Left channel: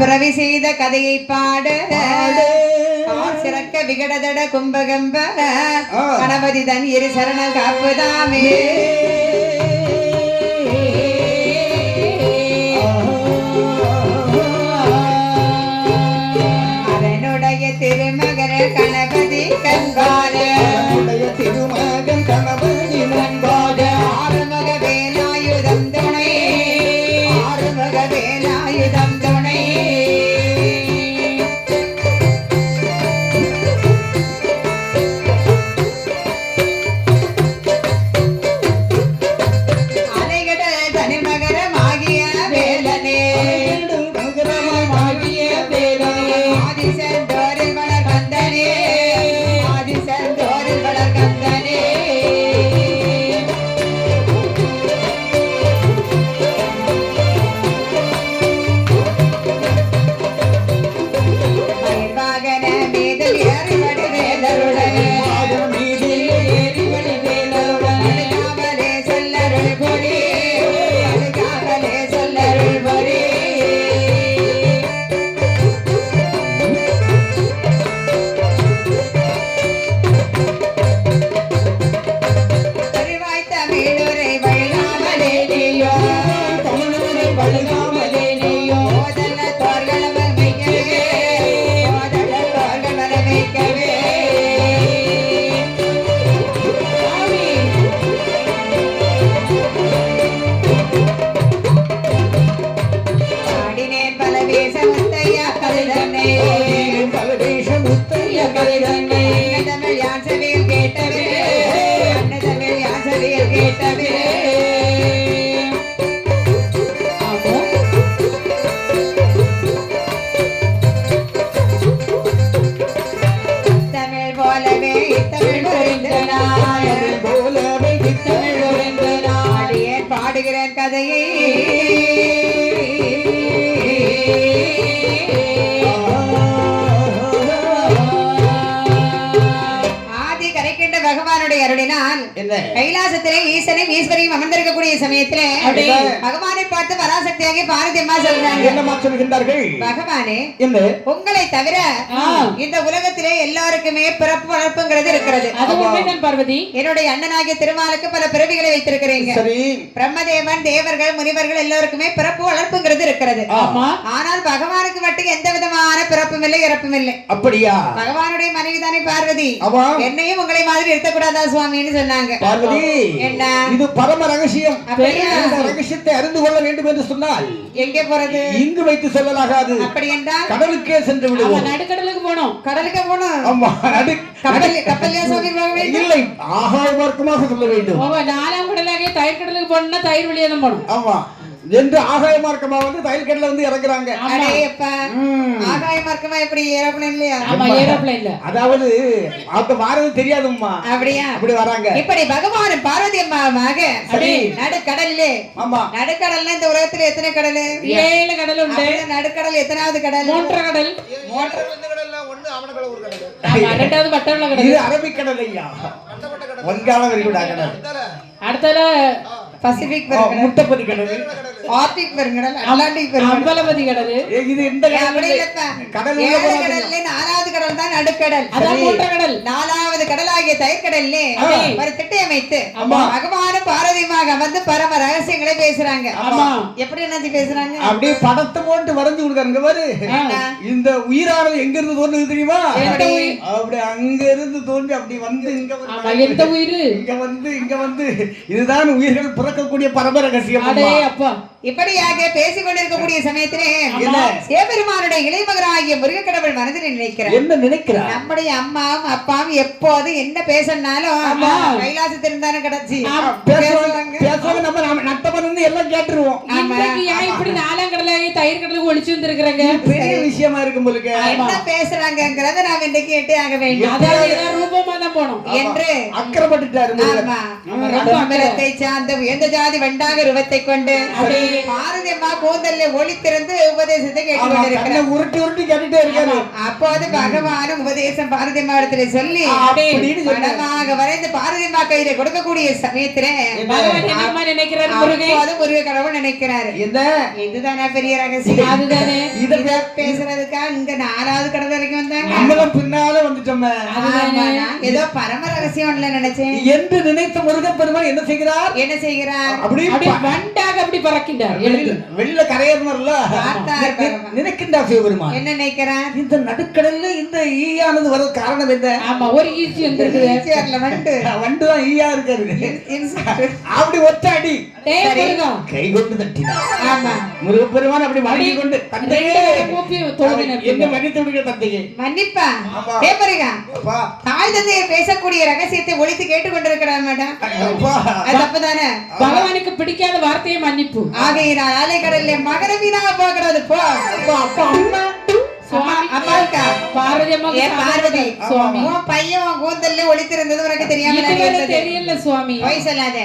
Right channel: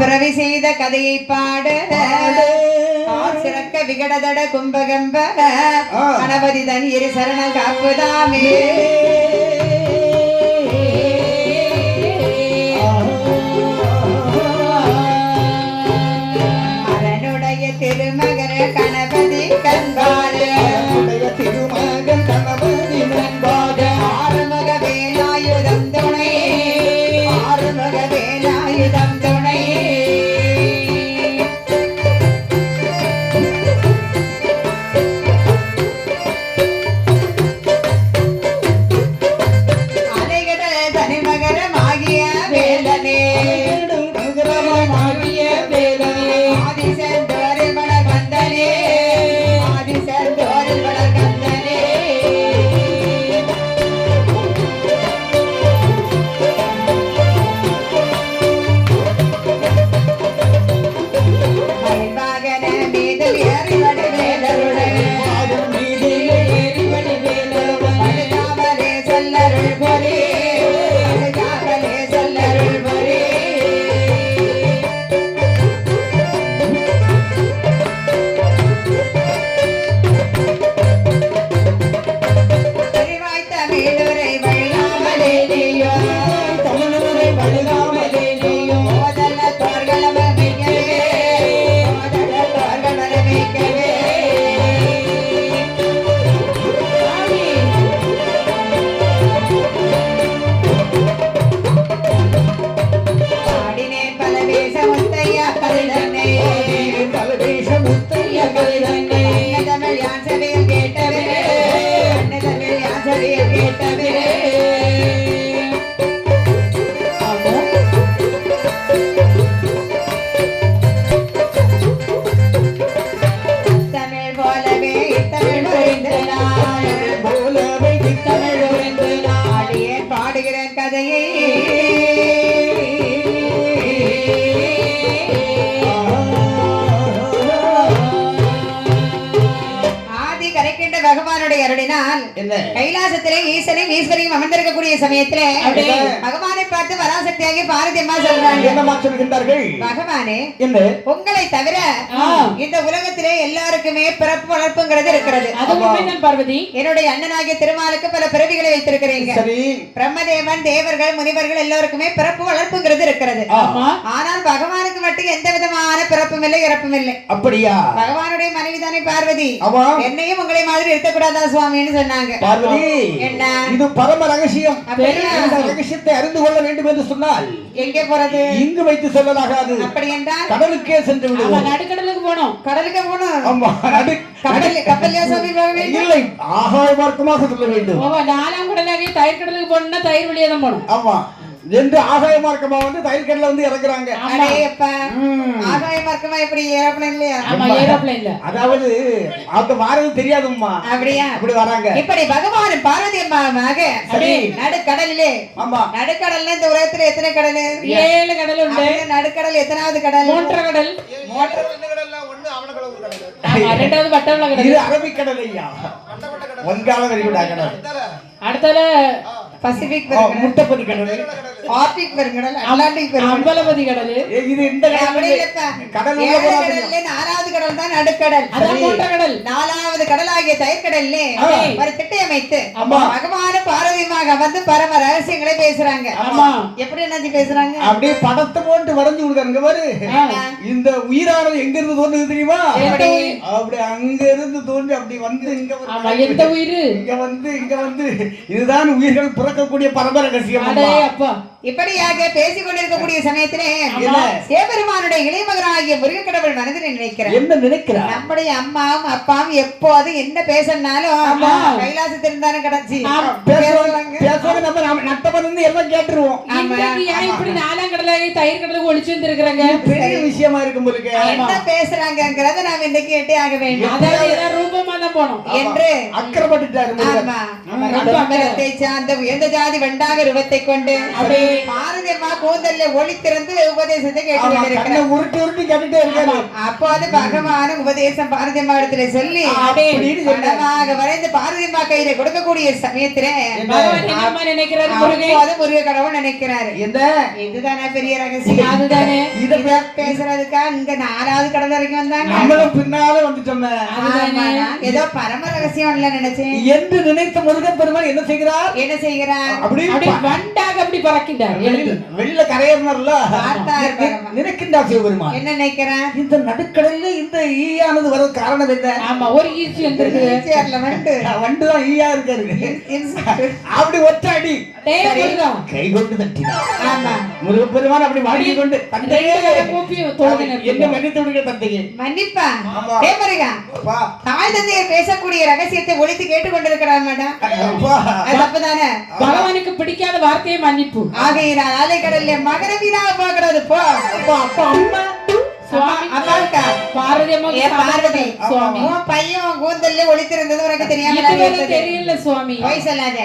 பிறவி செய்த கதையை பாட சிறக்க விகடதட கும்பகம்ப கணபதி தன் இரு சரண காப்புதாமே அதனுடைய திருமகர கணபதி கண்பார திருமகன் கணபதி கண்பார ஆறுமுக வேலாயுதம் துணை ஆறுமுக வேலாயுதம் துணை கதையை ஆதி கரைக்கின்ற பகவானுடைய அருளினால் கைலாசத்திலே ஈசனையும் ஈஸ்வரியும் அமர்ந்திருக்கக்கூடிய சமயத்திலே பகவானை பார்த்து வராசக்தியாகி பார்வதி அம்மா சொல்றாங்க. என்னமா சொல்கின்றார்கள்? பகவானே, உங்களை தவிர இந்த உலகத்திலே எல்லாருக்குமே பிறப்பு வளர்ப்புங்கிறது இருக்கிறது. பார்வதி, என்னுடைய அண்ணனாகிய திருமாலுக்கு பல பிறவிகளை வைத்திருக்கிறீங்க. பிரம்மதேவன், தேவர்கள், முனிவர்கள் எல்லாருக்குமே பிறப்பு வளர்ப்புங்கிறது இருக்கிறது. ஆனால் பகவானுக்கு மட்டும் எந்த விதமான பிறப்பும் இல்லை, இறப்பும் இல்லை. அப்படியா? பகவானுடைய மனைவிதானே பார்வதி. என்னையும் உங்களை மாதிரி இருக்கக்கூடாதா சுவாமின்னு சொன்னாங்க. பார்வதி, என்ன இது பரம ரகசியம். இந்த ரகசியத்தை அறிந்து கொள்ள வேண்டும் என்று சொன்னால் எங்கே போறது? இங்கு வைத்து சொல்லலாகாது. அப்படி என்றால் கடலுக்கே சென்று விடுவோம். நடுக்கடலுக்கு போனோம். கடலுக்கு போனோம். ஆமா, கப்பல்லே சொல்லி போக வேண்டும். இல்லை, ஆகாய மார்க்கமாக சொல்ல வேண்டும். நாலாம் கடலாகிய தயிர் கடலுக்கு போனோம்னா தயிர் வழியா தான் போகணும். ஆமா, என்று ஆகாய மார்க்கமா வந்து தயிர் கடல வந்து இறக்குறாங்க. ஆகாய மார்க்கமா எப்படி? ஏரோப்ளேன் இல்லையா? ஆமா, ஏரோப்ளேன் இல்ல. அதாவது அது மாறது தெரியாதும்மா. அப்படியா? அப்படி வராங்க. இப்படி பகவான் பார்வதி அம்மாவாக நடுக்கடல்லே. ஆமா, நடுக்கடல்ல இந்த உலகத்துல எத்தனை கடல்? 7 கடல் உண்டு. நடுக்கடல் எத்தனாவது கடல்? 3 கடல். 3 கடல்ல ஒண்ணு அவனகடல் ஒரு கடல். ஆமா, இரண்டாவது வட்டவள கடல். இது அரபிக்கடல் ஐயா. வங்காள விரிகுடா கடல். அடுத்தல பசிபிக் பெருங்கடல், முட்டப்பதி கடல், ஆர்டிக் பெருங்கடல், அட்லாண்டிக் பெருங்கடல், அம்பலவதி கடல். இது இந்த கடல். நாலாவது கடல் தான் நடுக்கடல். அதான் 3 கடல். நாலாவது கடலாகிய தயிர்கடல்லே ஒரு திட்டை அமைத்து பகவானும் பார்வதியுமாக வந்து பரம ரகசியங்களை பேசுறாங்க. எப்படி என்ன பேசுறாங்க? அப்படியே படத்தை போட்டு வரைஞ்சு கொடுக்காங்க பாரு. இந்த உயிரானது எங்க இருந்து தோன்றுது தெரியுமா? அப்படி அங்க இருந்து தோன்றி அப்படி வந்து எந்த உயிர் இங்க வந்து இதுதான் உயிர்கள் பிறக்கக்கூடிய பரம ரகசியம். இப்படியாக பேசிக் கொண்டிருக்கக்கூடிய சமயத்திலே சிவபெருமானுடைய இளைமகனாகிய முருகக்கடவுள் மனதில் நினைக்கிறார். என்ன நினைக்கிறார்? நம்முடைய அம்மாவும் அப்பாவும் எப்போது என்ன பேசினாலும் கைலாசத்தில் தானே கிடைச்சி நம்ம நட்டபருந்து எல்லாம் கேட்டுருவோம். இப்படி 4ஆம் கடலாகி தயிர் கடலுக்கு ஒளிச்சு வந்திருக்கிறாங்க. பெரிய விஷயமா இருக்கும் போலுக்கு. என்ன பேசுறாங்கிறத நாம் இன்றைக்கு கேட்டே ஆக வேண்டும். ரூபமா தூரம் தான் போகணும் என்று அக்கறைப்பட்டுட்டாரு முருகன். அம்பலத்தை சார்ந்த உயர்ந்த ஜாதி வெண்டாக ரூபத்தை கொண்டு பாரதி அம்மா கூந்தல்ல ஒளி திறந்து உபதேசத்தை கேட்டுக்கொண்டிருக்கிறார். உருட்டி உருட்டி கேட்டுட்டே இருக்காரு. அப்போது பகவானும் உபதேசம் பாரதி அம்மா இடத்துல சொல்லி படமாக வரைந்து பாரதி அம்மா கையில கொடுக்கக்கூடிய சமயத்திலே நினைக்கிறாரு முருகன், முருக கடவுள் நினைக்கிறாரு. இதுதானே பெரிய ரகசியம். அதுதானே இத பேசுறதுக்கா இங்க 4வது கடவுள் வரைக்கும் வந்தாங்க. நம்மளும் பின்னால வந்துட்டோமே. ஏதோ பரம ரகசியம் இல்ல நினைச்சேன் என்று நினைத்த முருகன் பெருமாள் என்ன செய்கிறார்? என்ன செய்கிறார்? அப்படி வண்டாக அப்படி பறக்கின்றார். வெளியில கரையேறினார்ல, நினைக்கின்றார் சிவபெருமான். என்ன நினைக்கிறார்? இந்த நடுக்கடல்ல இந்த ஈயானது வர காரணம் என்ன? ஆமா, ஒரு ஈச்சி வந்திருக்குது. வண்டு தான் ஈயா இருக்காரு. அப்படி ஒற்றாடி கை கொண்டு தட்டினார். ஆமா, முருகப்பெருமான் அப்படி வாங்கி கொண்டு என்ன மன்னித்து விடுங்க தந்தையே. மன்னிப்பா ஏ முருகா, தாய் தந்தையை பேசக்கூடிய ரகசியத்தை ஒழித்து கேட்டுக்கொண்டிருக்கிறார் மேடம். தப்புதானே? பகவானுக்கு பிடிக்காத வார்த்தையை மன்னிப்பு. ஆகையினால் அலைக்கடல்ல மகர வீணா போகிறது. போ அப்பா அம்மா பார்வதி சுவாமி பையன் கூந்தல்ல ஒளித்திருந்தது உனக்கு தெரியல சுவாமி. வயசல்லாத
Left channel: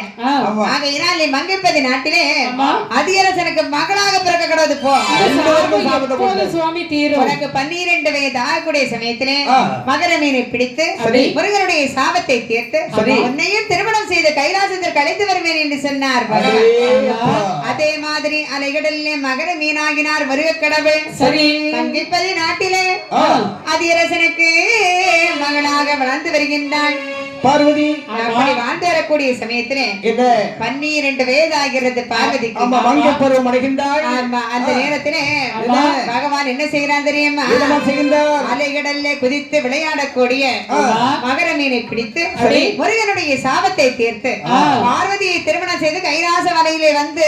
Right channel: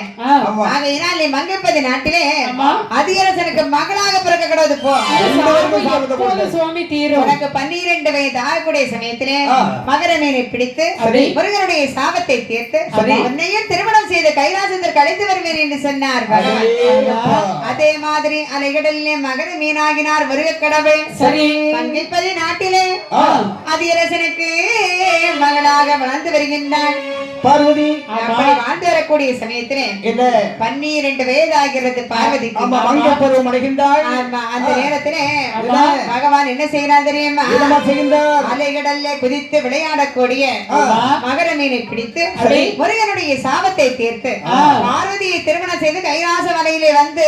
ஆகையினால் நீ மங்கைப்பதி நாட்டிலே அதிகரசனுக்கு மகளாக பிறக்க கிடவது. போ சுவாமி தீரும். உனக்கு 12 வயது ஆகக்கூடிய சமயத்திலே மகர மீனை பிடித்து முருகனுடைய சாபத்தை தீர்த்து உன்னையும் திருமணம் செய்து கைலாசத்திற்கு அழைத்து வருவேன் என்று சொன்னார். அதே மாதிரி அலைகடல்ல மகர மீனாகினார் முருக கடவுள். சரி, மங்கைப்பதி நாட்டிலே அதிரசனுக்கு மகளாக வளர்ந்து வருகின்றாள் பார்வதி. அப்படி வாழ்ந்து வரக்கூடிய சமயத்திலே 12 வயது ஆகிறது பார்வதிக்கு. பருவம் அடைகின்றாள். அந்த நேரத்திலே பகவான் என்ன செய்யறார் தெரியுமா? அலைகடல்ல குதித்து விளையாடக்கூடிய மகர மீனை பிடித்து முருகனுடைய சாபத்தை தீர்த்து பார்வதியை திருமணம் செய்து கைலாச மலையிலே வந்து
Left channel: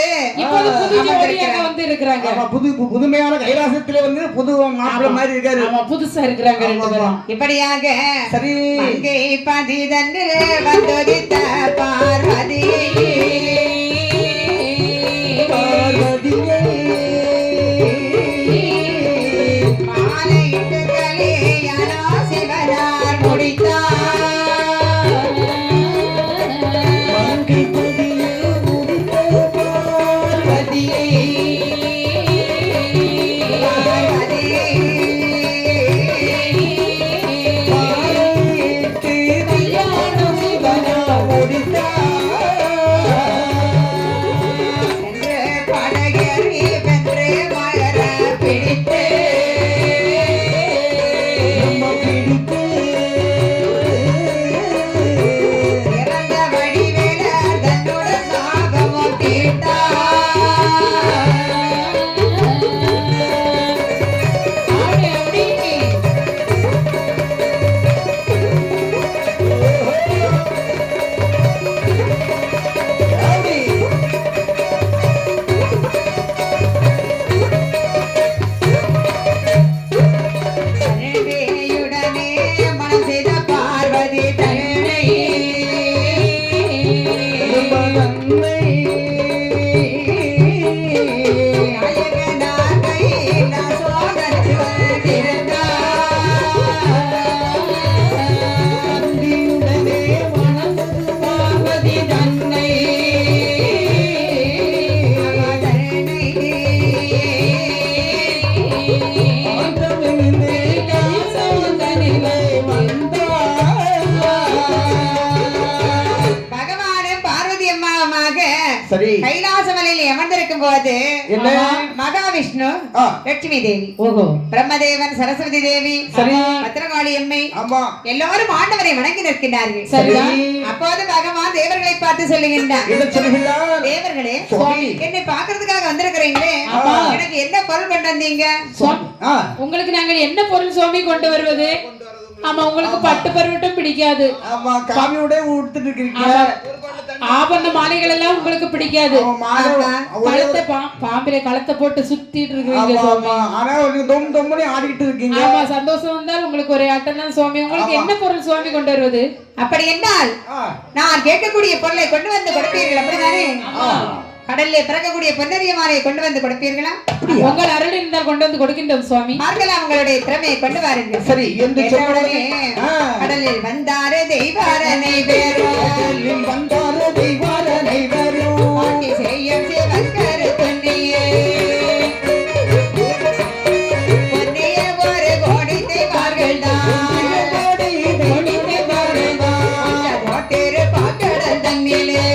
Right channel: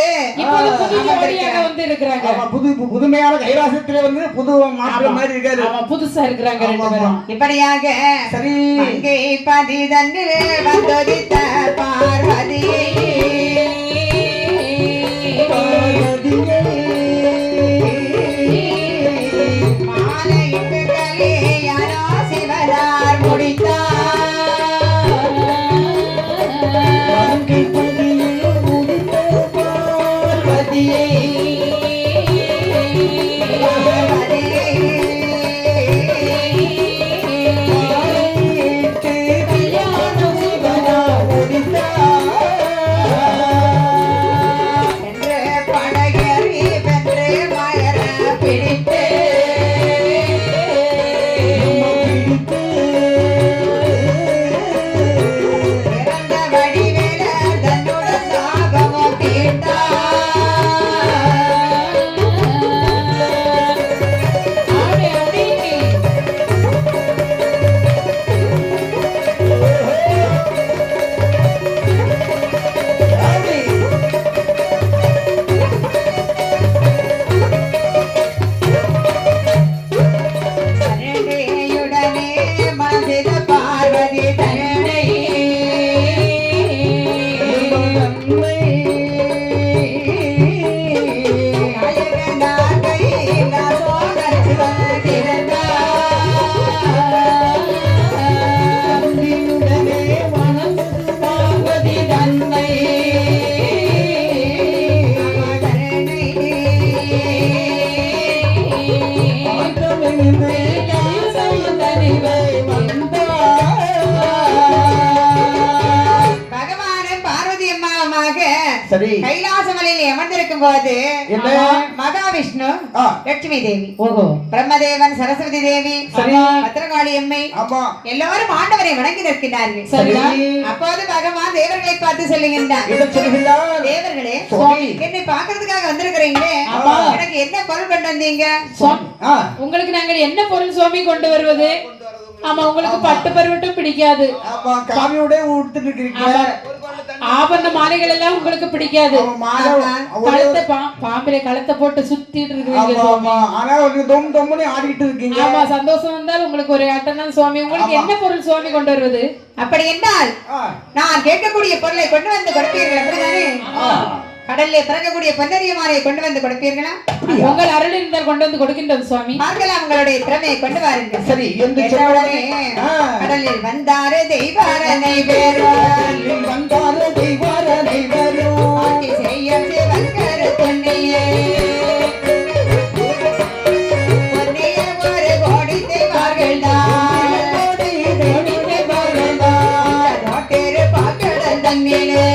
புதுமையான கைலாசத்திலே வந்து புது மாற்றம் மாதிரி இருக்காரு. புதுசா இருக்கிறாங்க. இப்படியாக சரி அங்கே பதிதன்னிலே வந்தொதித்த பார்வதியை மாலையிட்டு கலியாரோ சிவனார் முடித்தார். கைலாசமலையில் அமர்ந்திருக்கும் போது மகாவிஷ்ணு, லட்சுமி தேவி, பிரம்மதேவன், சரஸ்வதி தேவி, பத்திரகாளி அம்மை எல்லாரும் ஆண்டவரை வணங்கி நிற்கிறார்கள். அப்போது பகவான் தேவர்களை பார்த்து சொல்லுகின்றார், தேவர்களே என்னை பாக்குறதுக்காக வந்திருக்கிறீங்களே, எனக்கு என்ன பொருள் கொண்டு வந்தீங்க? உங்களுக்கு நாங்கள் என்ன பொருள் சுவாமி கொண்டு வருவது? ஆமா, உங்களுக்கு பட்டு பருவட்டும் பிடிக்காது. ஆமா, காவியோட ஊத்திட்டு இருக்கீங்க. ஆபரண மாலைகள் எல்லாம் உங்களுக்கு பிடிக்காது. கழுத்தை பாம்பிலே கழுத்தை போட்டு சுத்திட்டு இருக்கீங்க சுவாமி. ஆனா ஒரு தொம் தொம்னு ஆடிட்டு இருக்கீங்க. ஆமா, சந்தோஷம் வந்தால் உங்களுக்கு ஒரு அட்டனா சுவாமி. உங்களுக்கு என்ன பொருள் சுவாமி கொண்டு வருவது? அப்படி என்றால் நான் கேட்கக்கூடிய பொருளை கொண்டு வந்து கொடுப்பீர்கள், அப்படிதானே? கடல்ல பிறக்கக்கூடிய பொன்னரிய மாலையை கொண்டு வந்து கொடுப்பீர்களா? உங்கள் அருள் இருந்தால் கொண்டு வந்து கொடுக்கின்றோம் சுவாமி. பார்க்கலாம் உங்களுடைய திறமையை கொண்டு வாருங்கள். சரி என்று உடனே கடலில் வந்தாரே தெய்வாரனை பேரும் வந்தாரே தெய்வாரனை பேரும் ஆட்சி செய்யும் சிவக்கர துண்ணியே பொன்னிய ஒரு கோடி தெய்வார்கள் தான் தோட்டேரு பாக்கடல் தண்ணிலே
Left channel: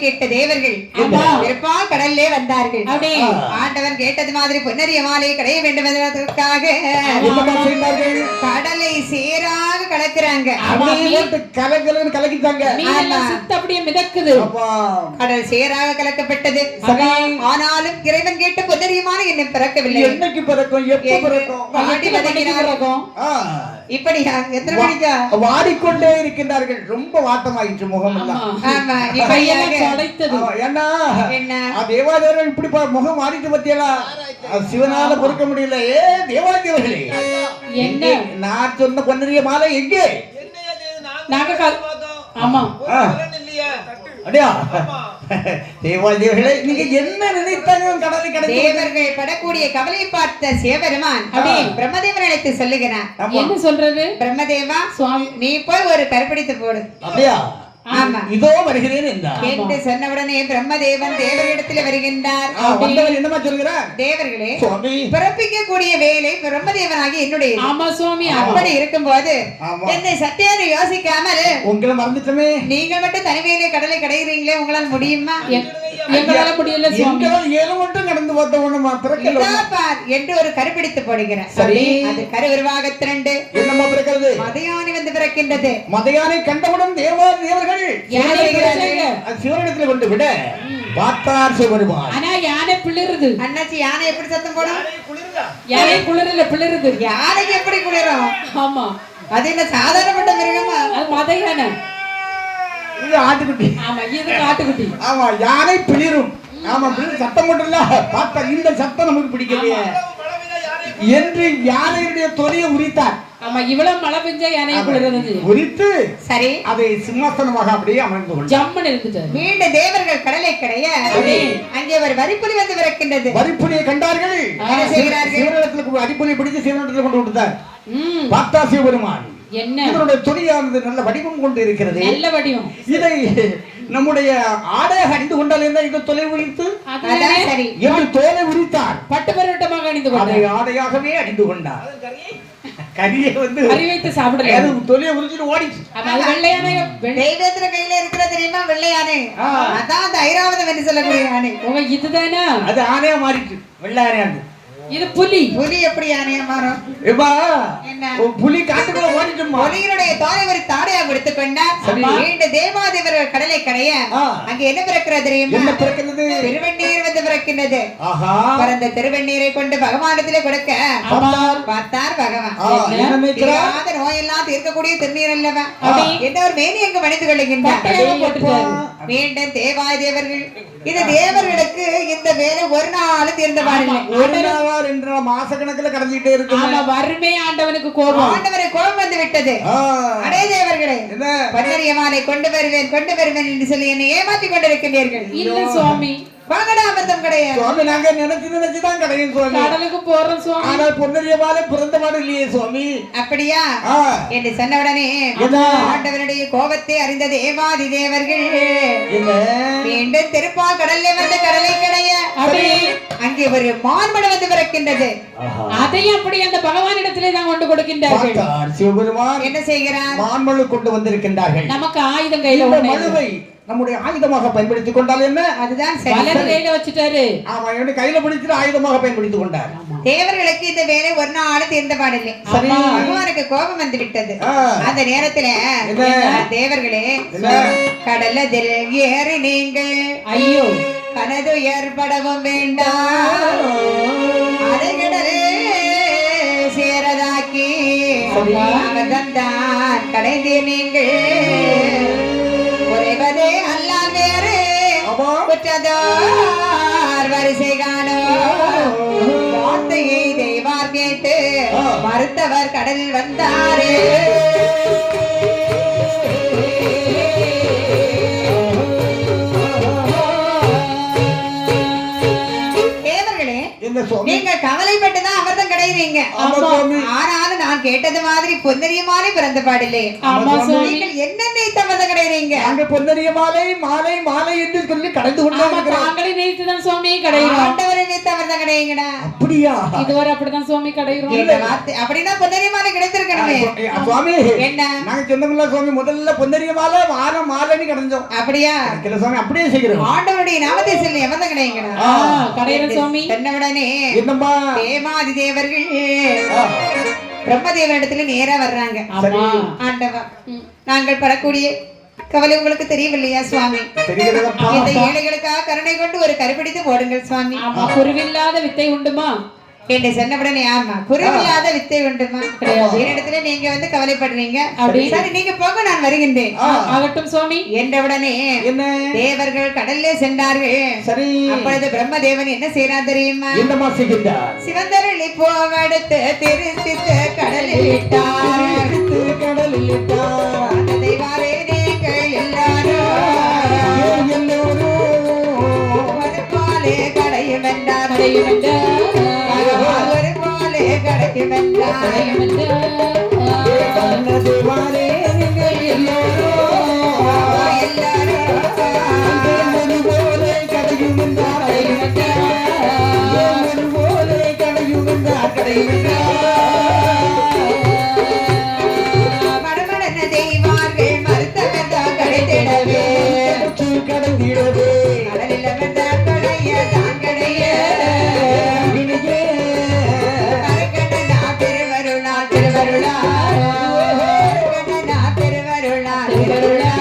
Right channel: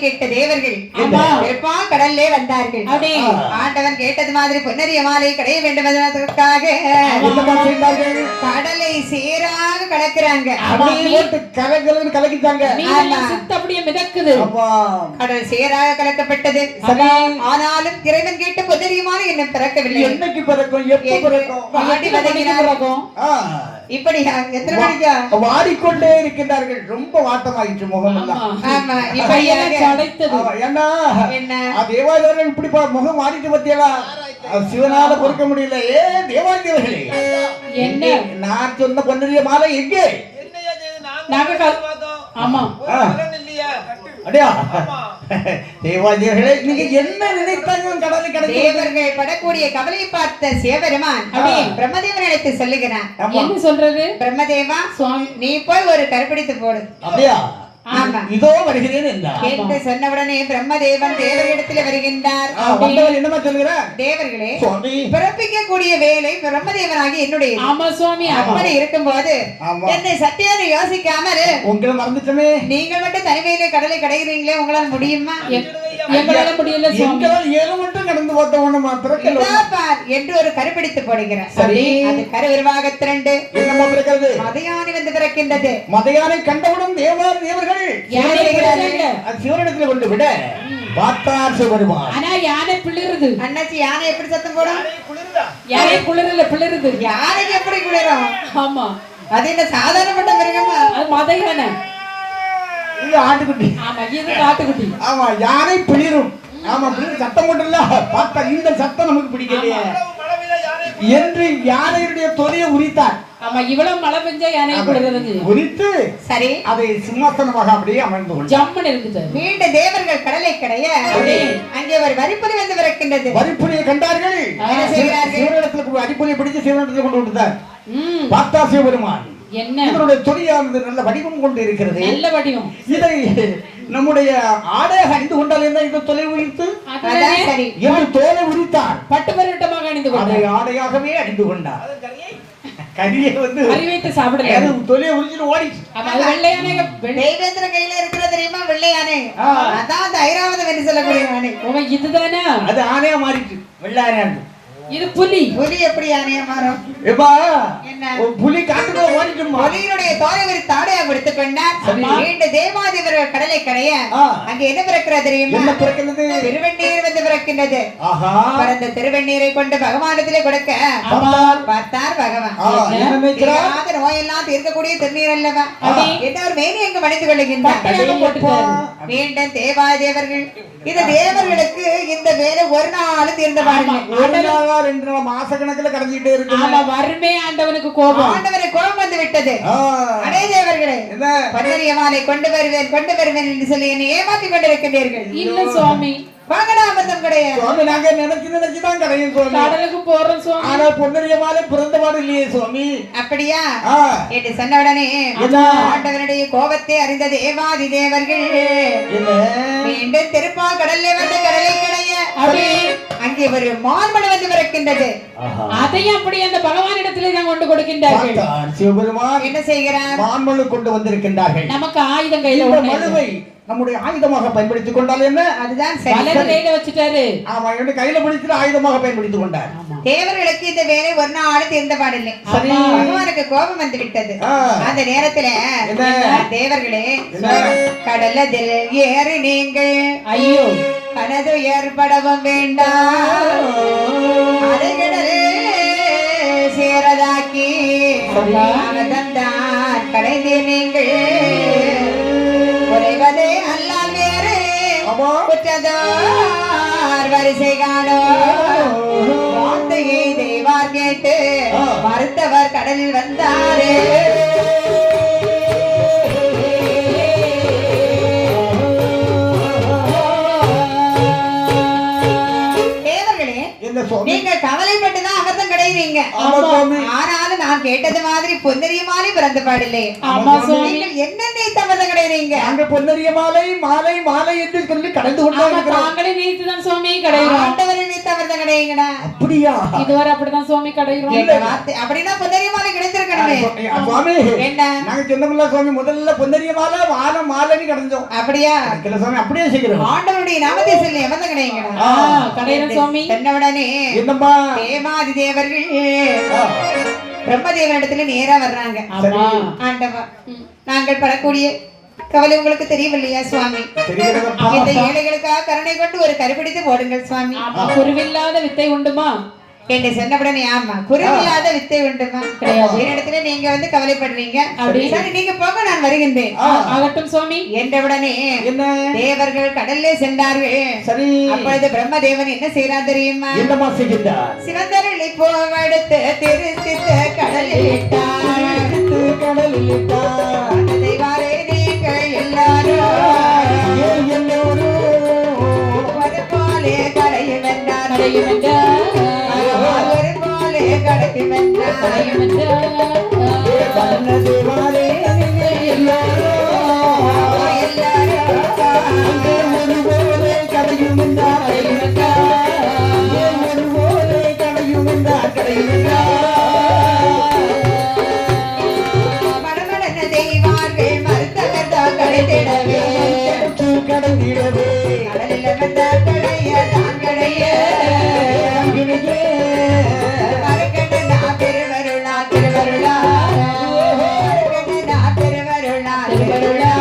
கேட்ட தேவர்கள் கடல்லே வந்தார்கள். ஆண்டவன் கேட்டது மாதிரி பொன்னரிய மாலை கடைய வேண்டும் என்பதற்காக கடலை சேராக கலக்குறாங்க. அப்படியே மிதக்குது. கடல் சேராக கலக்கப்பட்டது. ஆனாலும் இறைவன் கேட்ட பொன்னரிய மாலை இன்னும் பிறக்கவில்லை. என்னைக்கு பிறக்கும்? எப்ப பிறக்கும்? இப்படி எத்தனை மணிக்கா வாடிக்கொண்டே இருக்கின்றார்கள். ரொம்ப வாட்டமாயிற்று முகம் எல்லாம். தேவாதேவர்கள் இப்படி முகம் வாடிட்டு பத்தியலா சிவனால பொறுக்க முடியல. ஏ தேவாதேவர்களே, என்ன நான் சொன்ன பொன்னரிய மாலை எங்கே? தேவாதேவர்களே, நீங்க என்ன நினைத்தாங்க? கடலை கடை தேவர்கள் படக்கூடிய கவலை பார்த்த சிவபெருமான் பிரம்மதேவன் அழைத்து சொல்லுகிறான். என்ன சொல்றது? பிரம்மதேவா, நீ போய் ஒரு கருப்பிடித்து போடு. அப்படியா? இதோ வருகிறேன் என்றார். என்று சொன்னவுடனே பிரம்மதேவன் தேவரிடத்தில் வருகின்றார். என்னமா சொல்கிறார்? தேவர்களே, பிறப்பிக்கக்கூடிய வேலை பிரம்மதேவனாகி என்னுடைய. ஆமா சுவாமி. அப்படி இருக்கும்போது என்னை சத்தியான யோசிக்காமல் உங்களை மறந்துட்டமே. நீங்கள் மட்டும் தனிமையிலே கடலை கடைகிறீங்களே, உங்களால் முடியுமா? எங்களால முடியல சுவாமி. ஏழு மட்டும் கடந்து போட்டவன என்று ஒரு கருப்பிடித்து போடுகிறார். சரி, அது கரு உருவாக திரண்டு என்னமா பிறக்கிறது? மதையானை வந்து பிறக்கின்றது. மதையானை கண்டவுடன் தேவர்கள் சிவனிடத்தில் கொண்டு விட பார்த்தார் சிவபெருமான். ஆனா யானை பிளிருது. அண்ணாச்சி, யானை எப்படி சத்தம் போடும்? யானை குளிரல, பிளிருது. யானைக்கு எப்படி குளிரும்? ஆமா, அது என்ன சாதாரணப்பட்ட மிருகமா? அது மத யானை. இது ஆட்டுக்குட்டி. ஆமா, இது ஆட்டுக்குட்டி. ஆமா, யானை பிளிரும். ஆமா, பிளிரும் சத்தம் மட்டும் இல்ல. பார்த்தா இந்த சத்தம் நமக்கு பிடிக்கலையே என்று யானையுடைய தொலியை உரித்தார். ஆமா, இவ்வளவு மழை பெஞ்சா யானை குளிர்றது உரித்து சரி அதை சிம்மாசனமாக அப்படியே அமர்ந்து கொண்டு ஜம்மன் இருந்துச்சு. மீண்டும் தேவர்கள் கடலை கடைய அங்கே ஒரு வரிப்புலி வந்து பிறக்கின்றது. வரிப்புலியை கண்டார்கள். என்ன செய்கிறார்கள்? சிவனிடத்தில் வரிப்புலியை பிடித்து சிவனிடத்தில் கொண்டு விட்டார். பார்த்தா சிவபெருமான் என்ன இவருடைய தொழிலானது நல்ல வடிவம் கொண்டு இருக்கிறது. நல்ல வடிவம். இதை நம்முடைய ஆடையாக அணிந்து கொண்டால் என்ன? இந்த தொலை உரித்து சரி இவர் தோலை உரித்தார். பட்டு பருவட்டமாக அணிந்து கொண்டார். ஆடையாகவே அணிந்து கொண்டார். கரியை வந்து அறிவித்து சாப்பிடல. தொலையை உரிச்சிட்டு ஓடிச்சு. அது வெள்ளையானை. தெய்வத்திர கையில இருக்கிற தெரியுமா? வெள்ளையானை. அதான் அந்த ஐராவதம் என்று சொல்லக்கூடிய யானை. இதுதானே? அது ஆணையா மாறிச்சு. வெள்ளையானை. இது புலி. புலி எப்படி யானையா மாறும்? புலி காட்டுக்குள்ள ஓடிட்டும். புலியினுடைய தோலை ஒரு தாடையா கொடுத்து கொண்டார். மீண்டும் தேவாதிபர்கள் கடலை கடைய அங்க என்ன பிறக்கிறது தெரியுமா? என்ன பிறக்கிறது? திருவெண்ணீர் வந்து பிறக்கின்றது. பிறந்த திருவெண்ணீரை கொண்டு பகவானத்திலே கொடுக்க பார்த்தார் பகவான். நோயெல்லாம் தீர்க்கக்கூடிய திருநீர் அல்லவா? என்ன ஒரு மேனி அங்கு மணிந்து கொள்ளுகின்றார். மீண்டும் தேவாதேவர்கள் இது தேவர்களுக்கு இந்த வேலை ஒரு நாள் தீர்ந்த பாருங்க. 2 மாச கணக்குல கடந்துட்டே இருக்கு. வறுமை ஆண்டவனுக்கு கோபம். ஆண்டவனுக்கு கோபம் வந்து விட்டது. அடே தேவர்களே, பன்னரிய மாலை கொண்டு வருவேன் என்று சொல்லி என்னை ஏமாற்றிக் கொண்டிருக்கின்றீர்கள். இல்ல சுவாமி, வாகனாமர்த்தம் கிடையாது. சுவாமி, நாங்க நினைச்சுதான் கிடையாது சுவாமி. கடலுக்கு போறோம் சுவாமி. ஆனா பொன்னரிய மாலை பிறந்த பாடு இல்லையே சுவாமி. அப்படியா என்று சொன்ன உடனே ஆண்டவனுடைய கோபத்தை அறிந்த தேவாதி தேவர்கள் மீண்டும் திருப்பா கடல்ல வந்து கடலை கடைய அங்கே ஒரு மான்மடம் வந்து பிறக்கின்றது. அதையும் அப்படி அந்த பகவானிடத்திலே தான் கொண்டு கொடுக்கின்றார்கள். சிவபெருமான் என்ன செய்கிறார்? மான்மழு கொண்டு வந்திருக்கின்றார்கள். நமக்கு ஆயுதம் கையில மழுவை நம்முடைய ஆயுதமாக பயன்படுத்திக் கொண்டால் என்ன? அதுதான் சரி. வலது கையில வச்சுட்டாரு. ஆமா, என்னுடைய கையில பிடிச்சிட்டு ஆயுதமாக பயன்படுத்திக் கொண்டார். தேவர்களுக்கு இந்த வேலை ஒரு நாள் தீர்ந்த பாடில்லை. சரி. பகவானுக்கு கோபம் வந்து விட்டது. அந்த நேரத்துல தேவர்களே, கடலதில் ஏறி நீங்கள் ஐயோ கனது ஏற்படவும் வேண்டாம், அலைகடலே சேரதாக்கி தந்தான் கடைந்து நீங்கள் உறைவதே அல்லால் வேறு குற்றதார் வரிசை காணோ. வார்த்தையை தெய்வார் கேட்டு மறுத்தவர் கடலில் வந்தாரே. நீங்க கவலைப்பட்டுதான் அமிர்தம் கிடைக்கிறீங்க. ஆனாலும் நான் கேட்டது மாதிரி பொன்னரிய மாலை பிறந்த பாடில்லை. நீங்கள் என்னென்ன அமிர்தம் கிடைக்கிறீங்க? அங்க பொன்னரிய மாலை மாலை மாலை என்று சொல்லி கடைந்து கொண்டு தாங்களே நீத்துதான் சுவாமி கிடைக்கிறோம். ஆண்டவரை நீத்த அமிர்தம் கிடைக்குங்கடா. அப்படியா? இதுவரை அப்படிதான் சுவாமி கிடைக்கிறோம். அப்படின்னா பொன்னரிய மாலை கிடைத்திருக்கணுமே சுவாமி. என்ன நாங்க சொன்னோம்ல சுவாமி, முதல்ல பொன்னரிய மாலை மாலை மாலைன்னு கிடைச்சோம். அப்படியா? சுவாமி அப்படியே செய்கிறோம். ஆண்டவருடைய நாமத்தை சொல்லி அமிர்தம் கிடைக்குங்கடா. கிடைக்கிறோம் சுவாமி. சொன்னவுடனே என்னம்மா தேவாதி தேவர்கள் பிரம்மதேவனிடத்துல நேரா வர்றாங்க. ஆண்டவா, நாங்கள் படக்கூடிய கவலை உங்களுக்கு தெரியவில்லையா சுவாமி? இந்த ஏழைகளுக்காக கருணை கொண்டு ஒரு கருப்பிடித்து போடுங்கள் சுவாமி. குருவில்லாத வித்தை உண்டுமா என்று சொன்னவுடனே, ஆமா, குருவில்லாத வித்தை உண்டுமா? என்னிடத்துல நீங்க வந்து கவலைப்படுறீங்க. சரி, நீங்க போக, நான் வருகின்றேன். ஆகட்டும் சுவாமி என்றவுடனே தேவர்கள் கடல்லே சென்றார்கள். சரி. அப்பொழுது பிரம்மதேவன் என்ன செய்யறார் தெரியுமா? என்னமா செய்கிறார்? சிவந்தரளி போவெடுத்து திருத்தித்து கடலில் இட்டார். கடலில் இட்டார். தெய்வாரே நீங்கள் எல்லாரும் ஒரு போலே கடையும் என்றார். ஒரு போலே கடையும் என்றார். தேவாரே நீங்கள் எல்லாரும் கடையும் என்றார். மடமடன தெய்வார்கள் மறுத்தவர் கடைத்திடவே கடந்திடவே கடலில் வந்த கடைய தான் கடைய கருக்கண்டனா திருவருளா திருவருளா கருக்கண்டனா திருவருளா திருவருளா.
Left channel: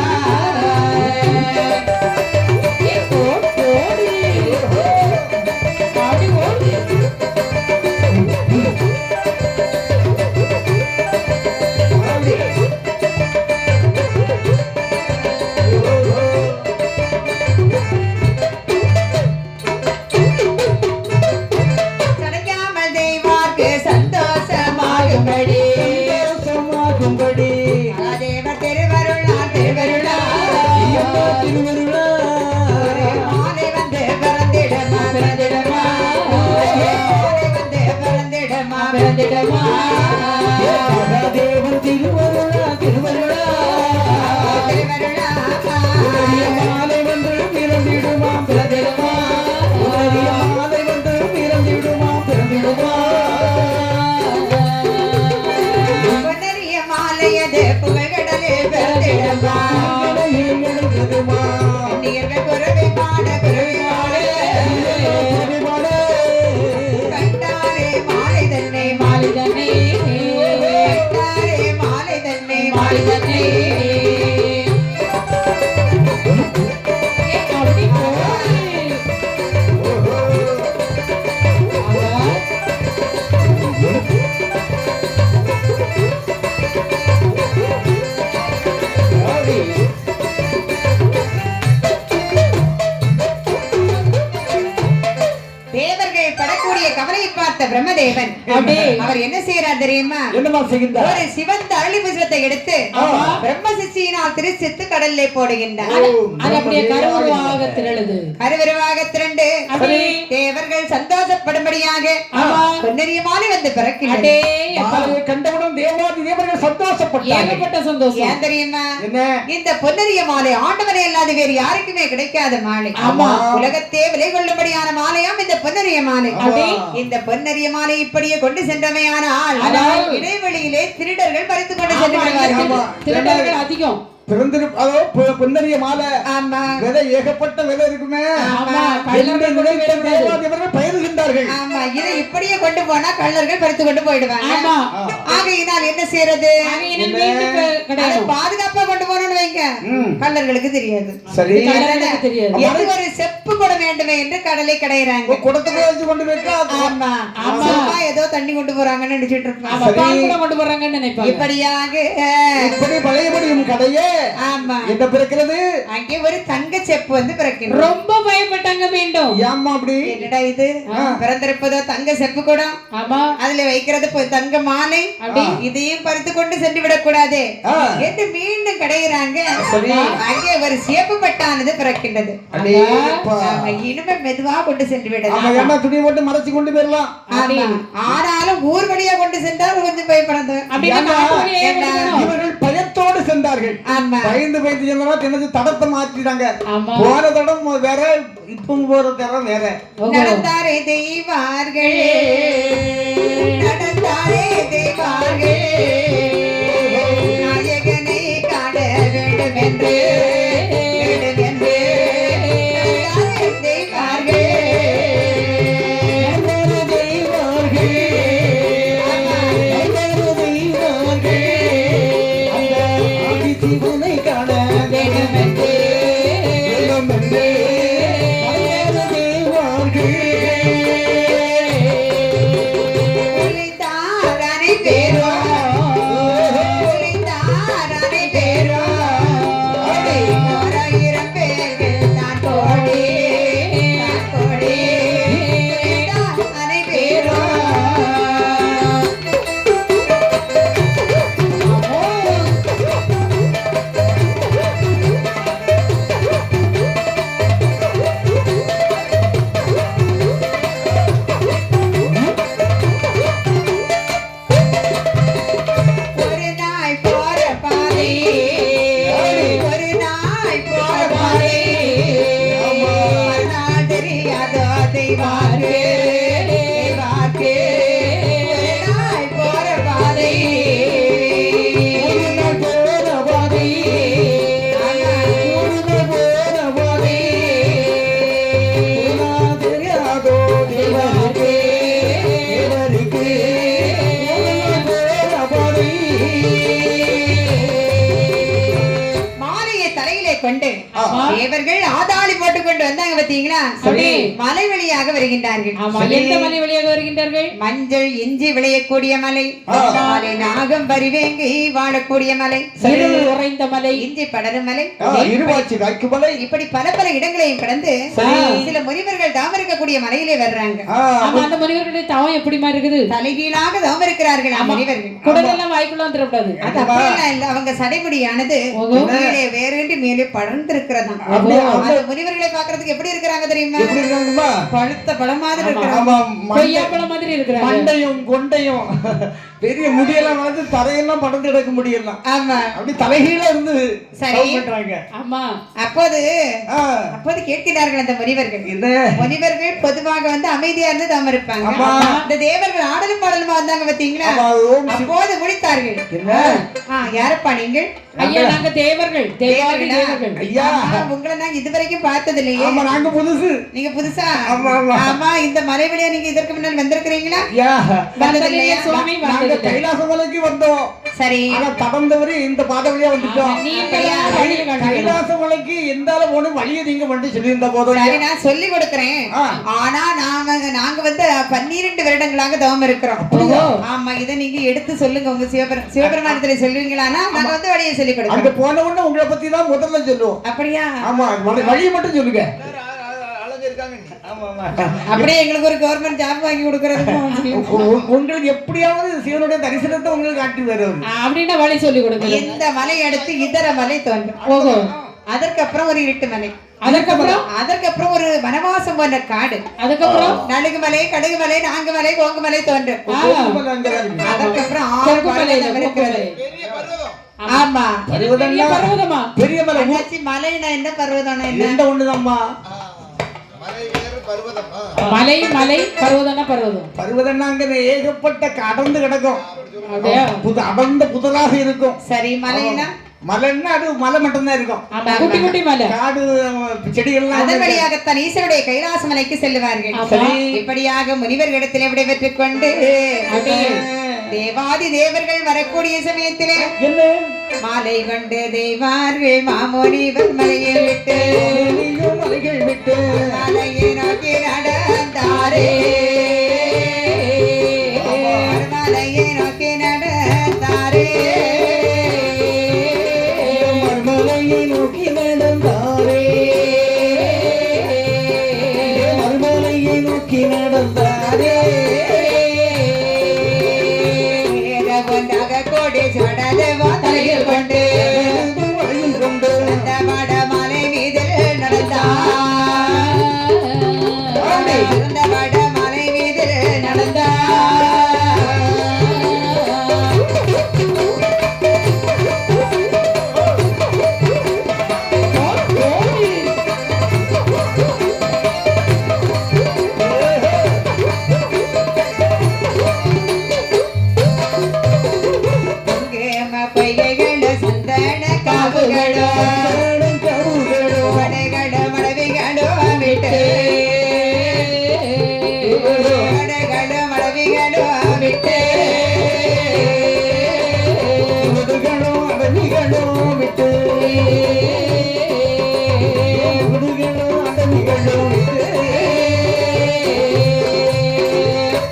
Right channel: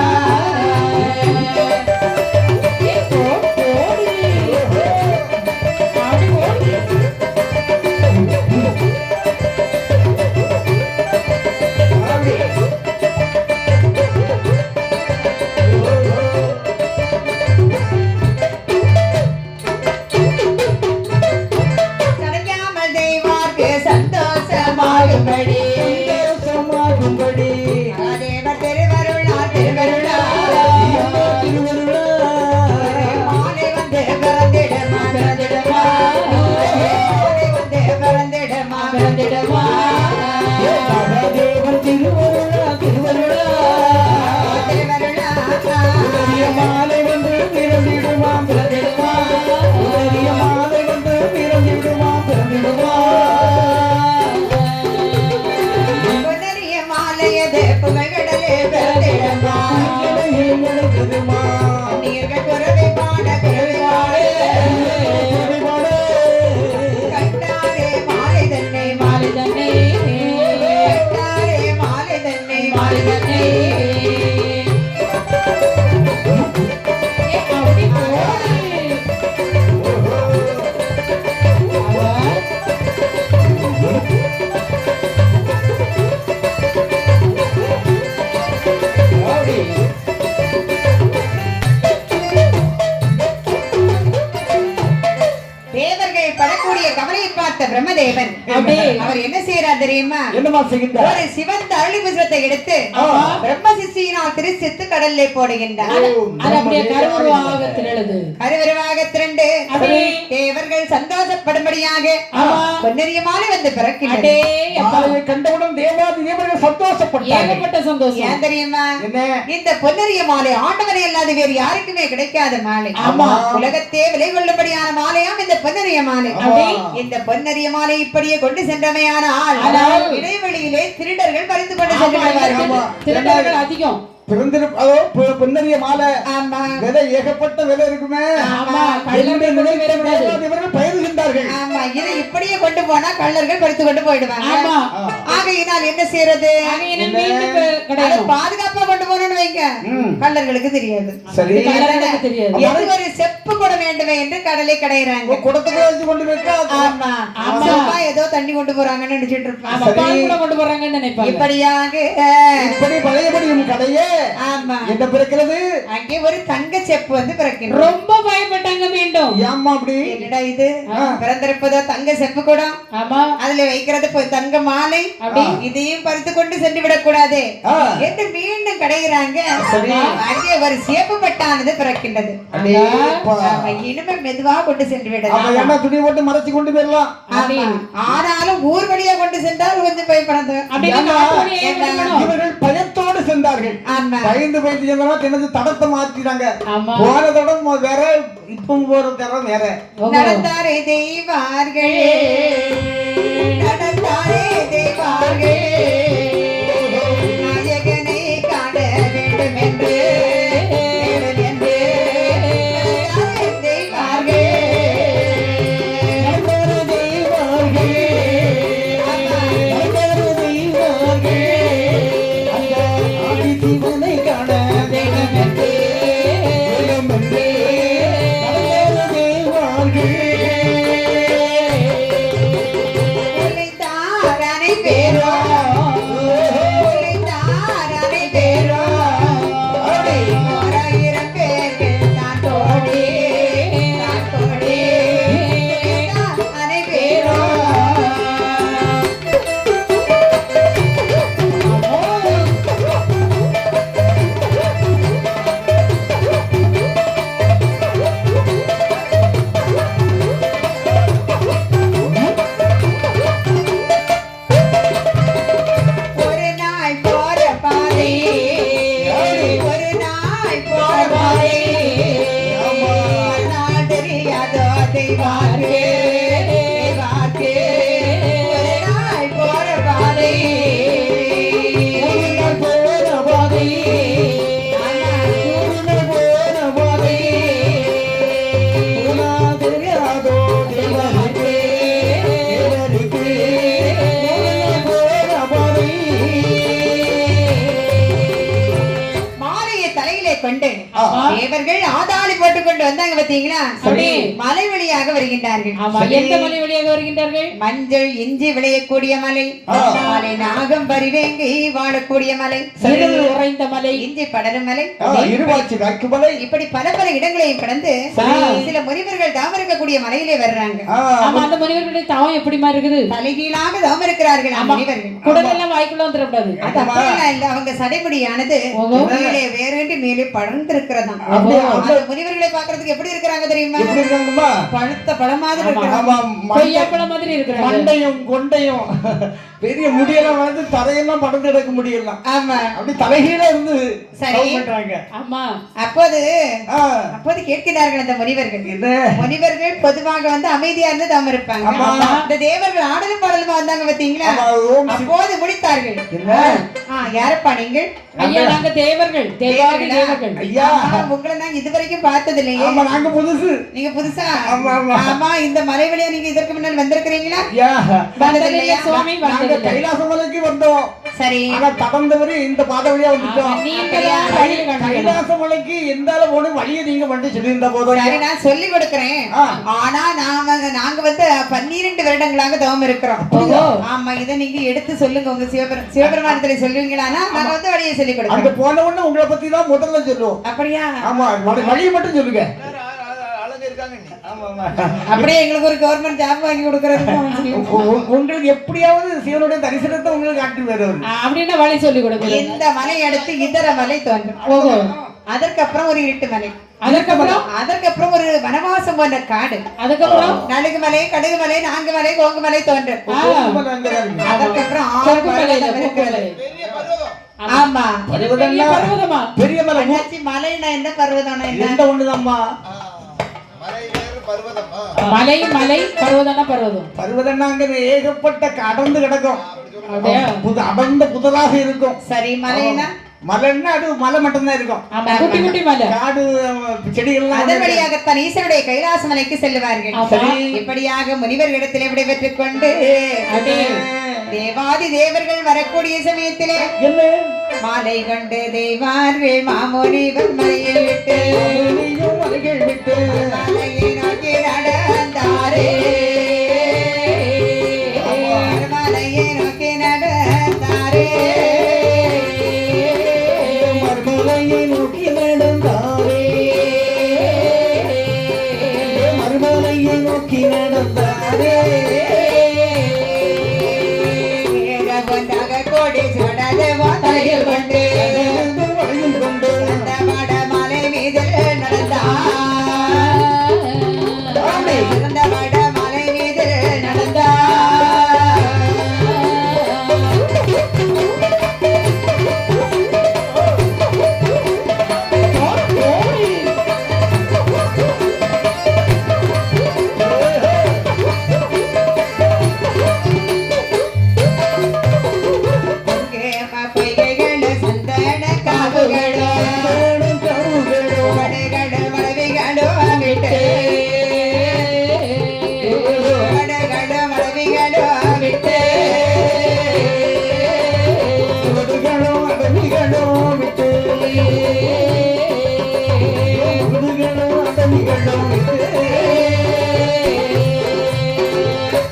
பிரம்மதேவன் அவர் என்ன செய்யறார் தெரியுமா? ஒரு சிவந்த அரளி புஷ்பத்தை எடுத்து பிரம்ம சிஷ்யினால் திருச்சித்து கடல்லே போடுகின்றார். கருவிருவாக திரண்டு தேவர்கள் சந்தோஷப்படும்படியாக பொன்னரிய மாலை வந்து பிறக்கின்றது. கண்டவுடன் தேவாதி தேவர்கள் சந்தோஷப்பட்டார்கள். ஏன் தெரியுமா? இந்த பொன்னரிய மாலை ஆண்டவனை அல்லாது வேறு யாருக்குமே கிடைக்காத மாலை. உலகத்தே விலை கொள்ளும்படியான மாலையாம் இந்த பொன்னரிய மாலை. இந்த பொன்னரிய மாலை இப்படியே கொண்டு சென்றமையானால் இடைவெளியிலே திருடர்கள் பறித்து கொண்டு சென்று திருடர்கள் அதிகம். பொன்னரிய மாலை ஆமா விலை ஏகப்பட்ட விலை இருக்குமே. ஆமா என்று நினைத்த தேவாதிபர்கள் பயிர்கின்றார்கள். ஆமா இதை இப்படியே கொண்டு போனா கள்ளர்கள் பறித்து கொண்டு போயிடுவாங்க. ஆமா ஆகையினால் என்ன செய்யறது? ஆகையினால் மீண்டும் கிடையாது. பாதுகாப்பா கொண்டு போனோம்னு வைங்க, கள்ளர்களுக்கு தெரியாது. சரி கள்ளர்களுக்கு தெரியாது. எது ஒரு செப்பு குடம் வேண்டுமே என்று கடலை கடையிறாங்க. குடத்துக்கு வச்சு கொண்டு போயிட்டா ஆமா ஆமா ஏதோ தண்ணி கொண்டு போறாங்கன்னு நினைச்சிட்டு இருப்பாங்க. பால் கூட கொண்டு போறாங்கன்னு நினைப்பாங்க. இப்படியாக இப்படி பழையபடியும் கடையே ஆமா என்ன பிறக்கிறது? அங்கே ஒரு தங்க செப்பு வந்து பிறக்கிறது. ரொம்ப பயப்பட்டாங்க மீண்டும். ஏம்மா அப்படி? என்னடா இது பிறந்திருப்பதோ தங்க செப்பு குடம், ஆமா அதுல வைக்கிறது தங்க மாலை, அப்படி இதையும் பறித்து கொண்டு சென்று விடக்கூடாது என்று மீண்டும் கடைகிறாங்க. அங்கே ஒரு சேப்பு பட்டானது பிறக்கின்றது. இனிமே மெதுவா கொண்டு சென்று விடலாம், துணி போட்டு மறைச்சு கொண்டு போயிடலாம். ஆனாலும் ஊர் வழியா கொண்டு சென்றால் கொஞ்சம் பயப்படாது. இவர்கள் பயத்தோடு சென்றார்கள். பயந்து பயந்து சென்றா தடத்தை மாற்றிட்டாங்க. போன தடம் வேற, இப்ப போற தடம் வேற. நடந்தாரே தெய்வார்கள், நடந்தாரே தெய்வார்கள், நாயகனை காண வேண்டும் என்று தேவர்கள் ஆதாளி போட்டுக் கொண்டு வந்தாங்க பாத்தீங்களா? மலை வழியாக வருகின்றார்கள். எந்த மலை வழியாக வருகின்றார்கள்? மஞ்சள் இஞ்சி விளையக்கூடிய மலை, நாகம் பரிவேங்கி வாழக்கூடிய மலை, உறைந்த மலை, இஞ்சி படரும் மலை, மலை, இப்படி பல பல இடங்களையும் கடந்து சில முனிவர்கள் தாம் இருக்கக்கூடிய மலையிலே வர்றாங்க. அந்த முனிவர்களுடைய தவம் எப்படிமா இருக்குது? தலைகீழாக தாம் இருக்கிறார்கள் முனிவர்கள். குடலெல்லாம் வாய்க்குள்ள வந்துடக்கூடாது. அது அப்படியெல்லாம் இல்ல, அவங்க சடைமுடியானது மேலே வேறு மேலே படர்ந்து இருக்கிறதா. முனிவர்களை பாக்குறதுக்கு எப்படி இருக்கிறாங்க தெரியுமா? பழுத்த பழம் மாதிரி இருக்கிறாங்க, கொய்யா பழம் மாதிரி இருக்கிறாங்க. மண்டையும் கொண்டையும் பெரிய முடியெல்லாம் வந்து தரையெல்லாம் படர்ந்து எடுக்க முடியலாம். ஆமா அப்படி தலைகீழ இருந்து சரி பண்றாங்க. ஆமா அப்போது கேட்கிறார்கள் அந்த முனிவர்கள். முனிவர்கள் பொதுவாக வந்து அமைதியா இருந்து தாம இருப்பாங்க. இந்த தேவர்கள் ஆடலும் பாடலுமா வந்தாங்க பாத்தீங்களா? அப்போது முடித்தார்கள். யாரப்பா நீங்கள்? ஐயா நாங்க தேவர்கள், தேவர்கள். ஐயா உங்களை நாங்க இதுவரைக்கும் பார்த்தது இல்லையே. நாங்க புதுசு. நீங்க புதுசா? ஆமா இந்த மலை வழியா நீங்க இதற்கு முன்னால் வந்திருக்கிறீங்களா? வந்ததில்லையா சுவாமி? கைலாச மலைக்கு வந்தோம். சரி தடந்தவரை இந்த பாதை வழியா வந்துட்டோம். கைலாச மலைக்கு எந்த போனும் வழியை நீங்க வந்து சொல்லியிருந்த போதும் நான் சொல்லி கொடுக்கிறேன். ஆனா நாங்க வந்து 12 வருடங்களாக தவம் இருக்கிறோம். ஆமா இதை நீங்க எடுத்து சொல்லுங்க, உங்க சிவபெருமானத்துல சொல்லுவீங்களா? நாங்க வந்து வழியை சொல்லி கொடுக்கிறோம். அங்க போன உடனே உங்களை பத்தி தான் முதல்ல சொல்லுவோம். அப்படியா? ஆமா வழியை மட்டும் சொல்லுங்க. அப்படியே எங்களுக்கு ஒரு கவர்மெண்ட் ஜாப் வாங்கி கொடுக்கறது. உங்களுக்கு எப்படியாவது சிவனுடைய தரிசனத்தை உங்களுக்கு காட்டி வரும் அப்படின்னா வழி சொல்லி கொடுங்க. இந்த மலை அடுத்து இதர மலை தோன்றும். அதற்கப்புறம் ஒரு இருட்டு மலை, அதற்கப்புறம் ஒரு வனவாசம் போன்ற காடு, அதுக்கப்புறம் நலுகு மலை, கடுகு மலை, நான்கு மலை, கோங்கு மலை தோன்றும். அதற்கப்புறம் 6 மலைகள் இருக்கிறது. ஆமா பெரிய மலை. மலைனா என்ன, பர்வதம் என்ன ஒண்ணுதாம்மா? மலை மலை பர்வதம்னா பர்வதம். பர்வதம்னாங்க ஏகப்பட்ட அடர்ந்து கிடக்கும், அடர்ந்த புதலாக இருக்கும். சரி மலைனா மலைன்னா அது மலை மட்டும்தான் இருக்கும். ஆமா, குட்டி குட்டி மலை, காடு செடிகள்லாம் அதன் வழியாகத்தான் ஈஸ்வருடைய கைலாச மலைக்கு செல்லுவார்கள். இப்படியாக முனிவர்களிடத்திலே விடைபெற்றுக் கொண்டு தேவாதி தேவர்கள் வரக்கூடிய சமயத்திலே மாலை கொண்டு தெய்வார்கள் மாமுனிவர் மலையில் விட்டு மலையை நோக்கி நடந்தாரே, மலையை நோக்கி நடந்தாரே, மறுமலையை நோக்கி நடந்தாரே, மறுமலையை நோக்கி நடந்தாரே.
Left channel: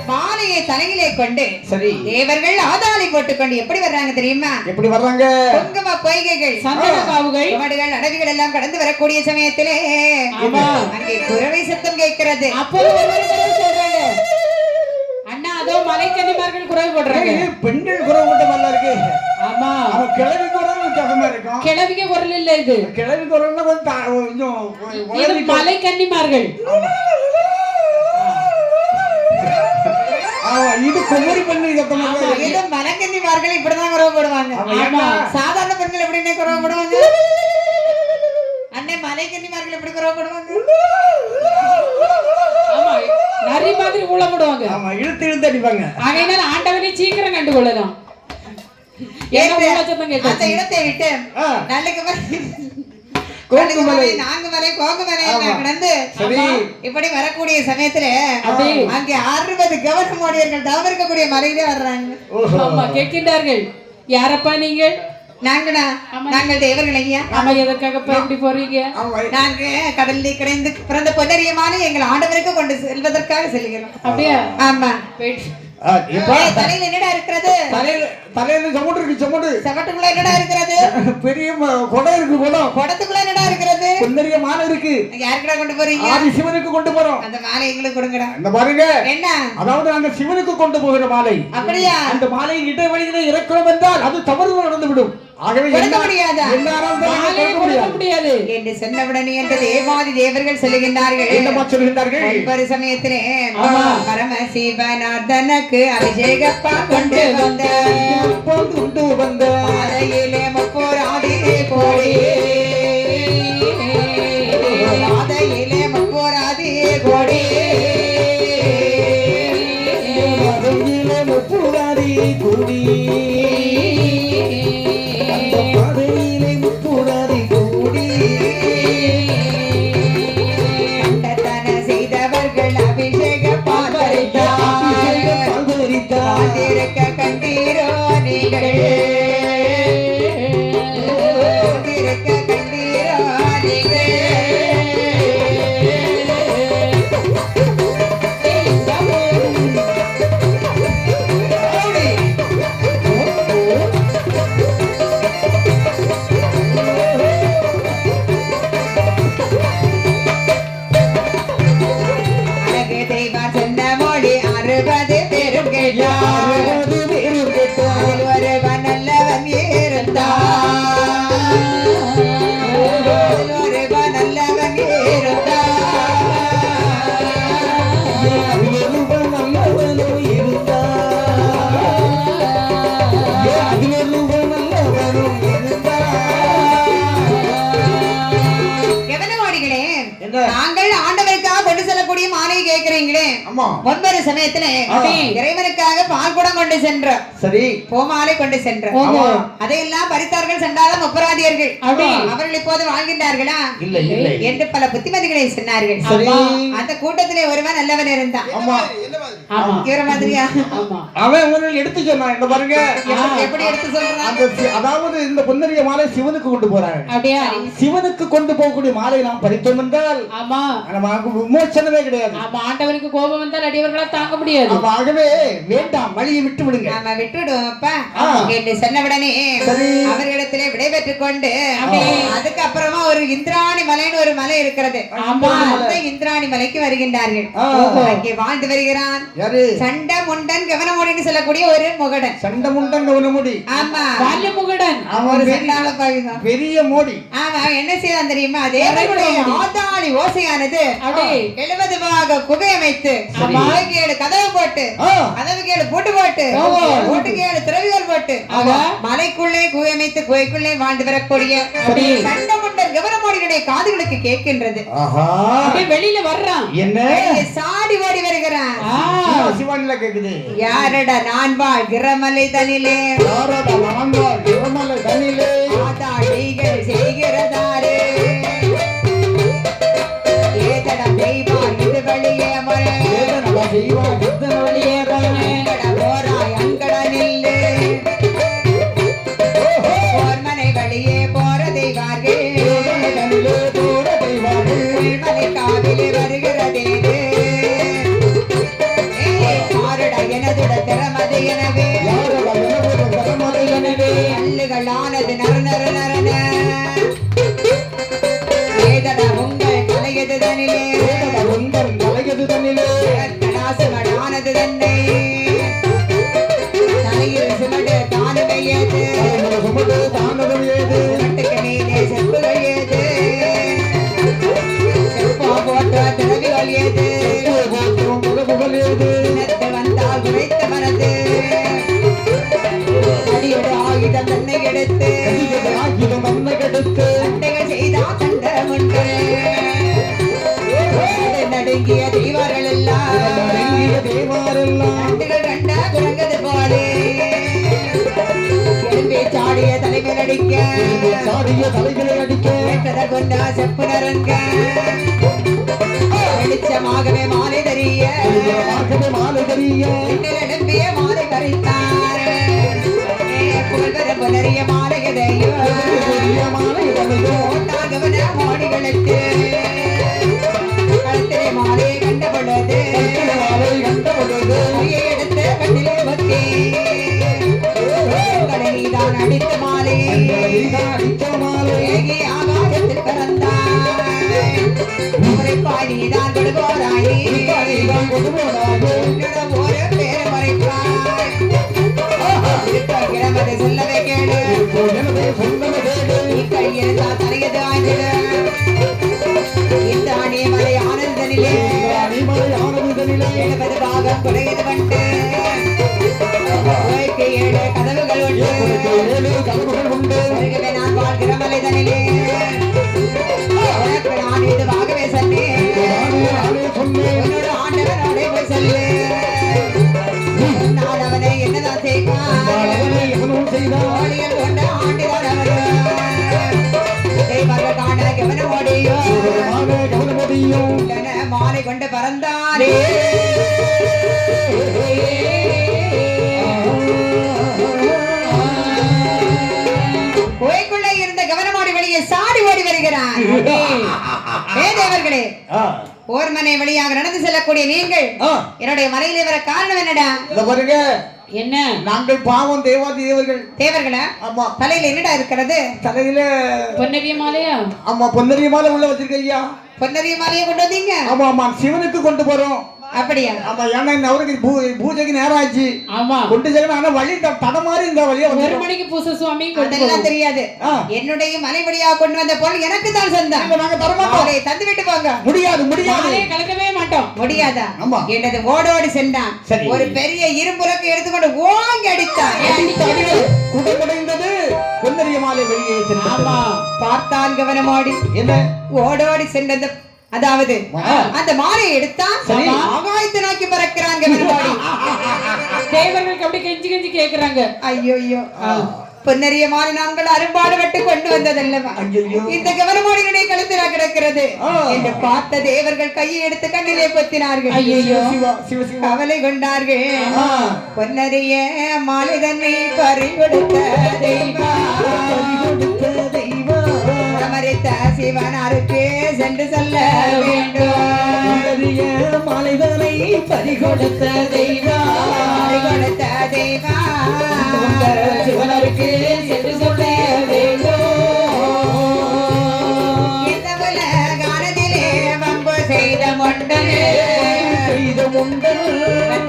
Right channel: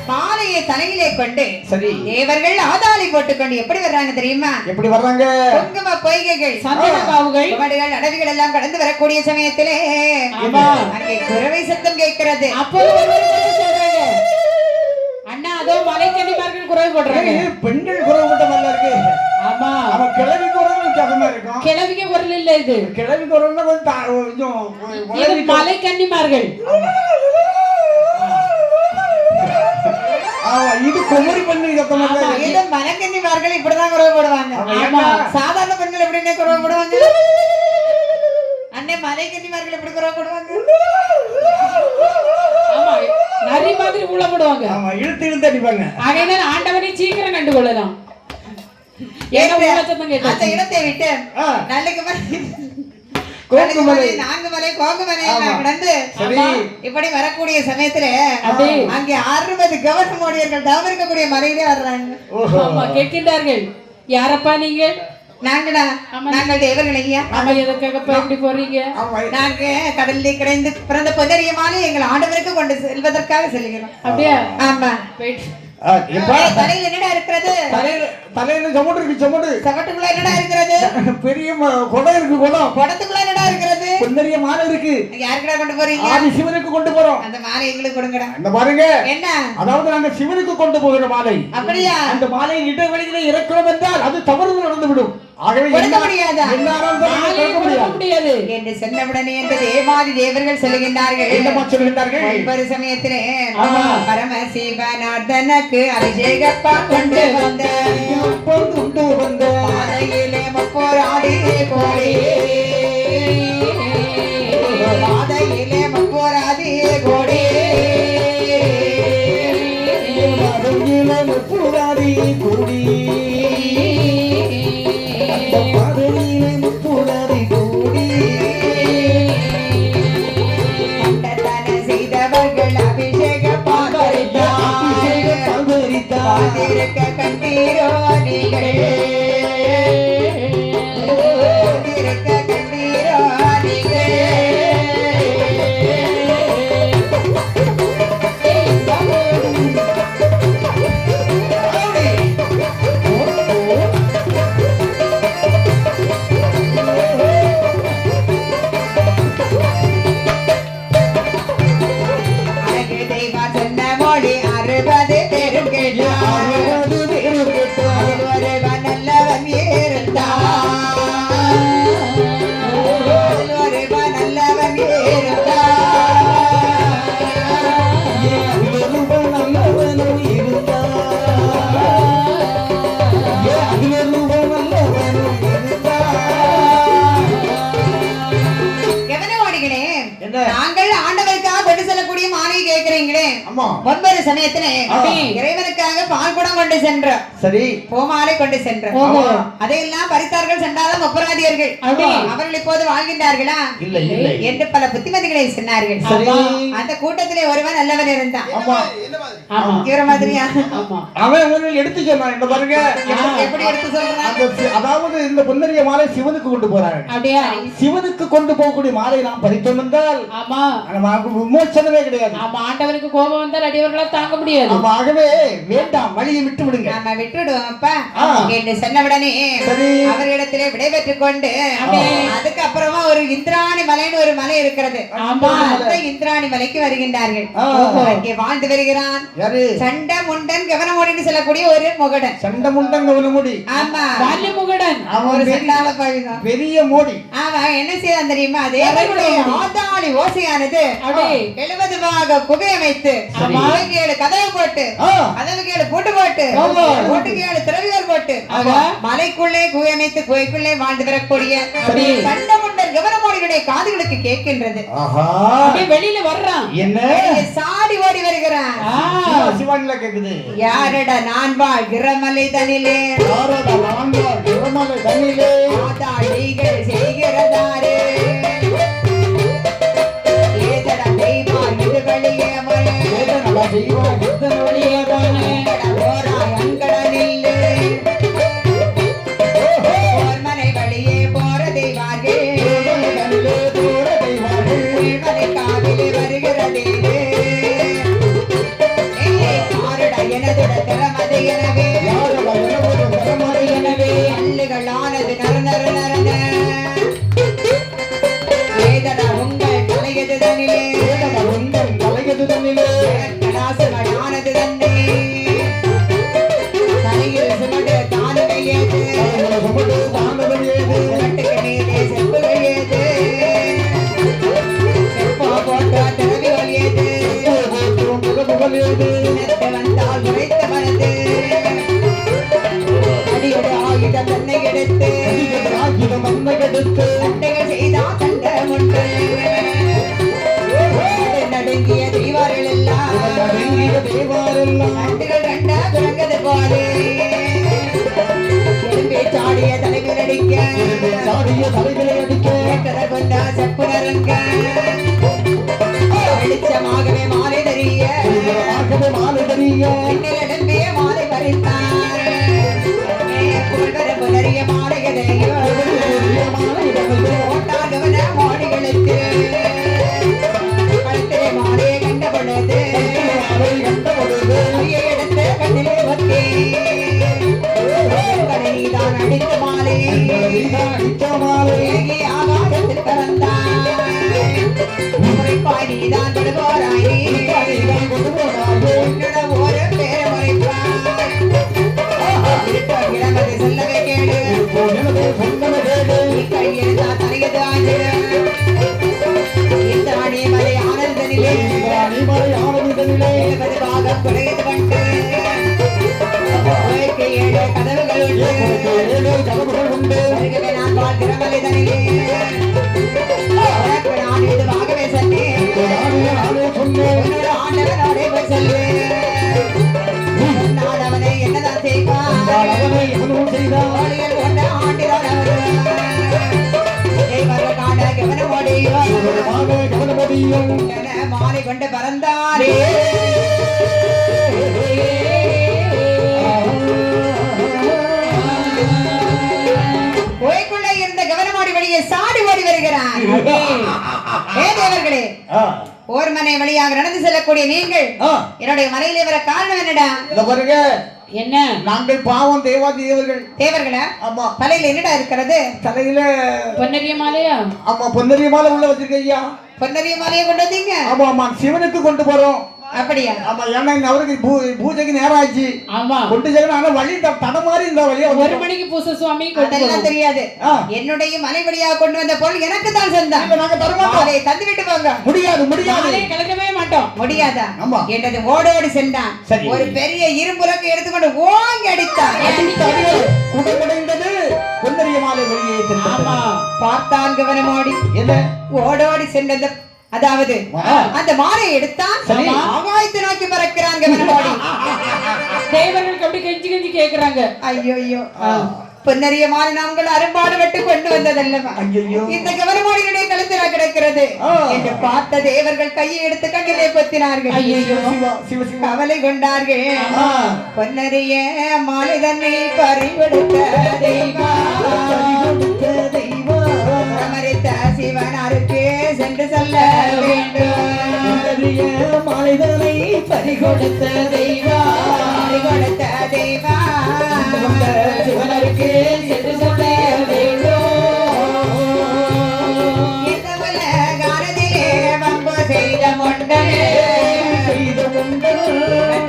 மாலையை தலையிலே கொண்டு சரி தேவர்கள் ஆதாளி போட்டுக்கொண்டு எப்படி வர்றாங்க தெரியுமா? எப்படி வர்றாங்க? குங்கும பொய்கைகள், சந்தன காவுகள், குமடுகள், அடவிகள் எல்லாம் கடந்து வரக்கூடிய சமயத்திலே அங்கே குரவை சத்தம் கேட்கிறது. அப்போது சொல்றாங்க, அண்ணா அதோ மலைக்கன்னிமார்கள் குரல் போடுறாங்க. பெண்கள் குரல் போட்ட மாதிரி இருக்கு. ஆமா, அவன் கிழவி குரல் வித்தியாசமா இருக்கும். கிழவிக்க குரல் இல்ல இது, கிழவி குரல்னா கொஞ்சம் இது மலைக்கன்னிமார்கள். இது குமரி பெண்ணு சத்தமா இது மலைக்கன்னிமார்கள் இப்படிதான் குரல் போடுவாங்க. சாதாரண பெண்கள் எப்படின்னே குரல் போடுவாங்க? அண்ணே மலைக்கன்னிமார்கள் எப்படி குரல் போடுவாங்க? ஆமா, நரி மாதிரி ஊழப்படுவாங்க. ஆமா, இழுத்து இழுத்து அடிப்பாங்க. ஆகையினால ஆண்டவனை சீக்கிரம் கண்டுகொள்ளலாம். அந்த இடத்தை விட்டு நல்லுக்கு கோங்குமலை, நாங்குமலை, கோங்குமலை கடந்து இப்படி வரக்கூடிய சமயத்துல அங்கே 60 கவர்மெண்ட் தவறு இருக்கக்கூடிய மலையிலே வர்றாங்க. கேட்கின்றார்கள், யாரப்பா நீங்கள்? நாங்கள் தேவர்கள் ஐயா. எதற்காக இப்படி போறீங்க? நாங்க கடலில் கிடைந்து பிறந்த பொன்னரிய மாலை எங்கள் ஆண்டவருக்கு கொண்டு செல்வதற்காக செல்கிறோம். அப்படியா? ஆமா. தலையில என்னடா இருக்கிறது? தலையில சமட்டு இருக்கு. சமட்டுக்குள்ள என்னடா இருக்கிறது? பெரிய குடம் இருக்கு. குடத்துக்குள்ள என்னடா இருக்கிறது? பொன்னரிய மாலை இருக்கு. யாருக்குடா கொண்டு போறீங்க? ஆதி சிவனுக்கு கொண்டு போறோம். அந்த மாலை எங்களுக்கு கொடுங்கடா. இந்த பாருங்க, என்ன அதாவது நாங்க சிவனுக்கு கொண்டு போகிற மாலை. அப்படியா? அந்த மாலையை இடைவெளியிலே இறக்கிறோம் என்றால் அது தவறு நடந்துவிடும். ஆகவே கொடுக்க முடியாது என்று சொன்னவுடனே என்று தேவாதி தேவர்கள் சொல்லுகின்றார்கள். என்னமா சொல்லுகின்றார்கள்? ஒரு சமயத்திலே பரமசிவநாதனுக்கு அபிஷேகப்பா கொண்டு வந்த பாதையிலே முப்போராதி கோடி, பாதையிலே முப்போராதி கோடி, முப்போராதி கோடி, கண்டீரோ நீங்கள், கண்டீரோ நீங்கள். ஒவ்வொரு சமயத்திலே இறைவனுக்காக பால் குடம் கொண்டு சென்ற சரி பூமாலை கொண்டு சென்ற அதையெல்லாம் பறித்தார்கள் சென்றாலும் ஒப்பராதியர்கள் அவர்கள் இப்போது வாழ்கின்றார்களா இல்லை இல்லை என்று பல புத்திமதிகளை சொன்னார்கள். அந்த கூட்டத்திலே ஒருவன் நல்லவன் இருந்தான். இவர மாதிரியா அவன் ஒன்னு எடுத்து சொன்னான். இந்த பாருங்க எப்படி எடுத்து சொல்றான். அதாவது இந்த பொன்னரிய மாலை சிவனுக்கு கொண்டு போறாங்க. அப்படியா? சிவனுக்கு கொண்டு போகக்கூடிய மாலை நாம் பறித்தோம் என்றால் ஆமா நமக்கு விமோசனமே கிடையாது. ஆமா, ஆண்டவருக்கு கோபம் வந்தால் அடியவர்களால் தாங்க முடியாது. ஆகவே வேண்டாம், வழியை விட்டு விடுங்க. நம்ம விட்டுடுவோம் அப்பா என்று சொன்னவுடனே அவர்களிடத்திலே விடைபெற்றுக் கொண்டு அதுக்கு அப்புறமா ஒரு இந்திராணி மலைன்னு ஒரு மலை இருக்கிறது. அந்த இந்திராணி மலைக்கு வருகின்றார்கள். அங்கே வாழ்ந்து வருகிறான் சண்டமுண்டன் கவனமோடின்னு சொல்லக்கூடிய ஒரு முகடன். சண்டமுண்டன் கவனமோடி. ஆமா, வாலி முகடன். ஒரு செண்டால பழகம் பெரிய மோடி. ஆமா, என்ன செய்தான் தெரியுமா? தேவனுடைய ஆதாளி ஓசையானது 70 பாக குகை அமைத்து கதவு போட்டு கதவுகேடு பூட்டு போட்டு பூட்டுக்கேடு திறவிகள் போட்டு மலைக்குள்ளே குகை அமைத்து குகைக்குள்ளே வாழ்ந்து வரக்கூடிய சண்டமுண்டன் கவனமோடியுடைய காதுகளுக்கு கேட்கின்றது. வெளியில வர்றான், என்ன சாடி ஓடி வருகிறான். சிவானில கேக்குது. யாரடா நான் வாழ்கிற மலை தனிலே, ஆதாளிகள் செய்கிறதாரே, ஏதடா தெய்வம் இது வழியே மழை, வழியே தானே ஓராய் அங்கட நில்லு, மனை வழியே போற தெய்வார்கள், மலை காவிலே வருகிறதே, எனதுட திறமது எனவே அல்லுகளானது நர நர நரன, ஏதட உங்கள் தலையது தனிலே, உங்கள் தலையது தண்ணிலே கலாசுகளானது தன்னை, தலையில் சுமடு தானுகை ஏது, சுமட்டுக்கு மீதே செப்புகள் ஏது, செப்போ போன்ற திறவிகள் ஏது, வந்தால் உரைத்த மனது அடியோடு ஆயுதம் தன்னை எடுத்து சண்டைகள் செய்தா சண்டமுண்டு, நடுங்கிய தெய்வார்கள் எல்லாம் நண்டுகள் ரெண்டா குரங்கது போலே, எலும்பே சாடிய தலைகள் அடிக்க கொண்டா செப்பு நரங்க, வெளிச்சமாகவே மாலை தெரிய எழும்பிய மாலை பறித்தார், புகழ்வர புலரிய மாலைகளையோ ஓட்டாகவன மோடிகளுக்கு கழுத்திலே மாலையை கண்ட பொழுது கையை எடுத்து கண்ணிலே ஒத்தி நீதான் அடித்த மாலை ஆகாயத்தில் பறந்தாய், முறைப்பாய் நீதான் கொடுபோராய், உன்னிடம் ஒரு பேரை முறைப்பாய், கிடமதை சொல்லவே கேடு, கையெழுத்தா தலையது ஆகிடு, இந்த அணி மலை ஆனந்தனிலே 70 பாகம் குறையது கண்டு, 7 கதவுகள் உண்டு, நான் வாழ்கிற மலை தனிலே உனக்கு நான் இதுவாகவே சொன்னேன், என்னோட ஆண்டவனோட போய் சொல்லு, நான் அவனை என்னதான் செய்வான் கொண்ட ஆண்டுதான் தெய்வர்கள் காண கவனமோடியோ என மாலை கொண்டு பறந்தாரே. கோயிலுக்குள்ள இருந்த கவனமோடி வெளியே சாடி ஓடி வருகிறார். தேவர்களே, ஓர் மனை வழியாக நடந்து செல்லக்கூடிய நீங்கள் என்னுடைய மலையிலே வர காரணம் என்னடா? என்ன? நாங்கள் பாவம் தேவர்கள். தேவர்களா? ஆமா. தலையில என்னடா இருக்கிறது? தலையில பொன்னரிய மாலையா? ஆமா, பொன்னரிய மாலை உள்ள வச்சிருக்கீங்க. பொன்னரிய மாலையை கொண்டு வந்தீங்க? ஆமா ஆமா, சிவனுக்கு கொண்டு போறோம். அப்படியா? ஆமா, ஏன்னா இந்த அவருக்கு பூஜைக்கு நேரம் ஆச்சு. ஆமா, கொண்டு செல்லணும். ஆனா வழி தட மாதிரி இந்த வழியா 1 மணிக்கு பூசை சுவாமி அதெல்லாம் தெரியாது. என்னுடைய மலை வழியா கொண்டு வந்த பொருள் எனக்கு தான் சொந்தம். நாங்க தர மாட்டோம். தந்து விட்டு போங்க. முடியாது முடியாது, கலக்கவே மாட்டோம். முடியாதா? என்னது ஓடோடி சென்றான். ஒரு பெரிய இரும்புலக்கு எடுத்துக்கொண்டு ஓங்கி அடித்தான். குடைந்தது பொன்னரிய மாலை வெளியே. ஆமா, பார்த்தான் கவனமோடி. என்ன? ஓடோடி சென்ற அதாவது அந்த மாலை எடுத்தான், ஆகாயத்தை நோக்கி பறக்கிற கவனமாடி. தேவர்களுக்கு அப்படி கெஞ்சி கெஞ்சி கேக்குறாங்க. ஐயோ பொன்னரியமான நாங்கள் அரும்பாடுபட்டு கொண்டு வந்ததல்லவா இந்த கவனமாடியுடைய கழுத்தில் கிடக்கிறது என்று பார்த்த தேவர்கள் கையை எடுத்து கண்ணிலே கொத்தினார்கள். கவலை கொண்டார்கள். பொன்னரிய மாலை தன்னை பறிகொடுத்த தெய்வம் அமரித்த சிவனாருக்கு சென்று சொல்ல வேண்டும். மாலைதனை பறிகொடுத்த தெய்வம் சிவனருக்கு சென்று சொல்ல வேண்டும். இந்த உலகானதிலே வம்பு செய்த முண்டனே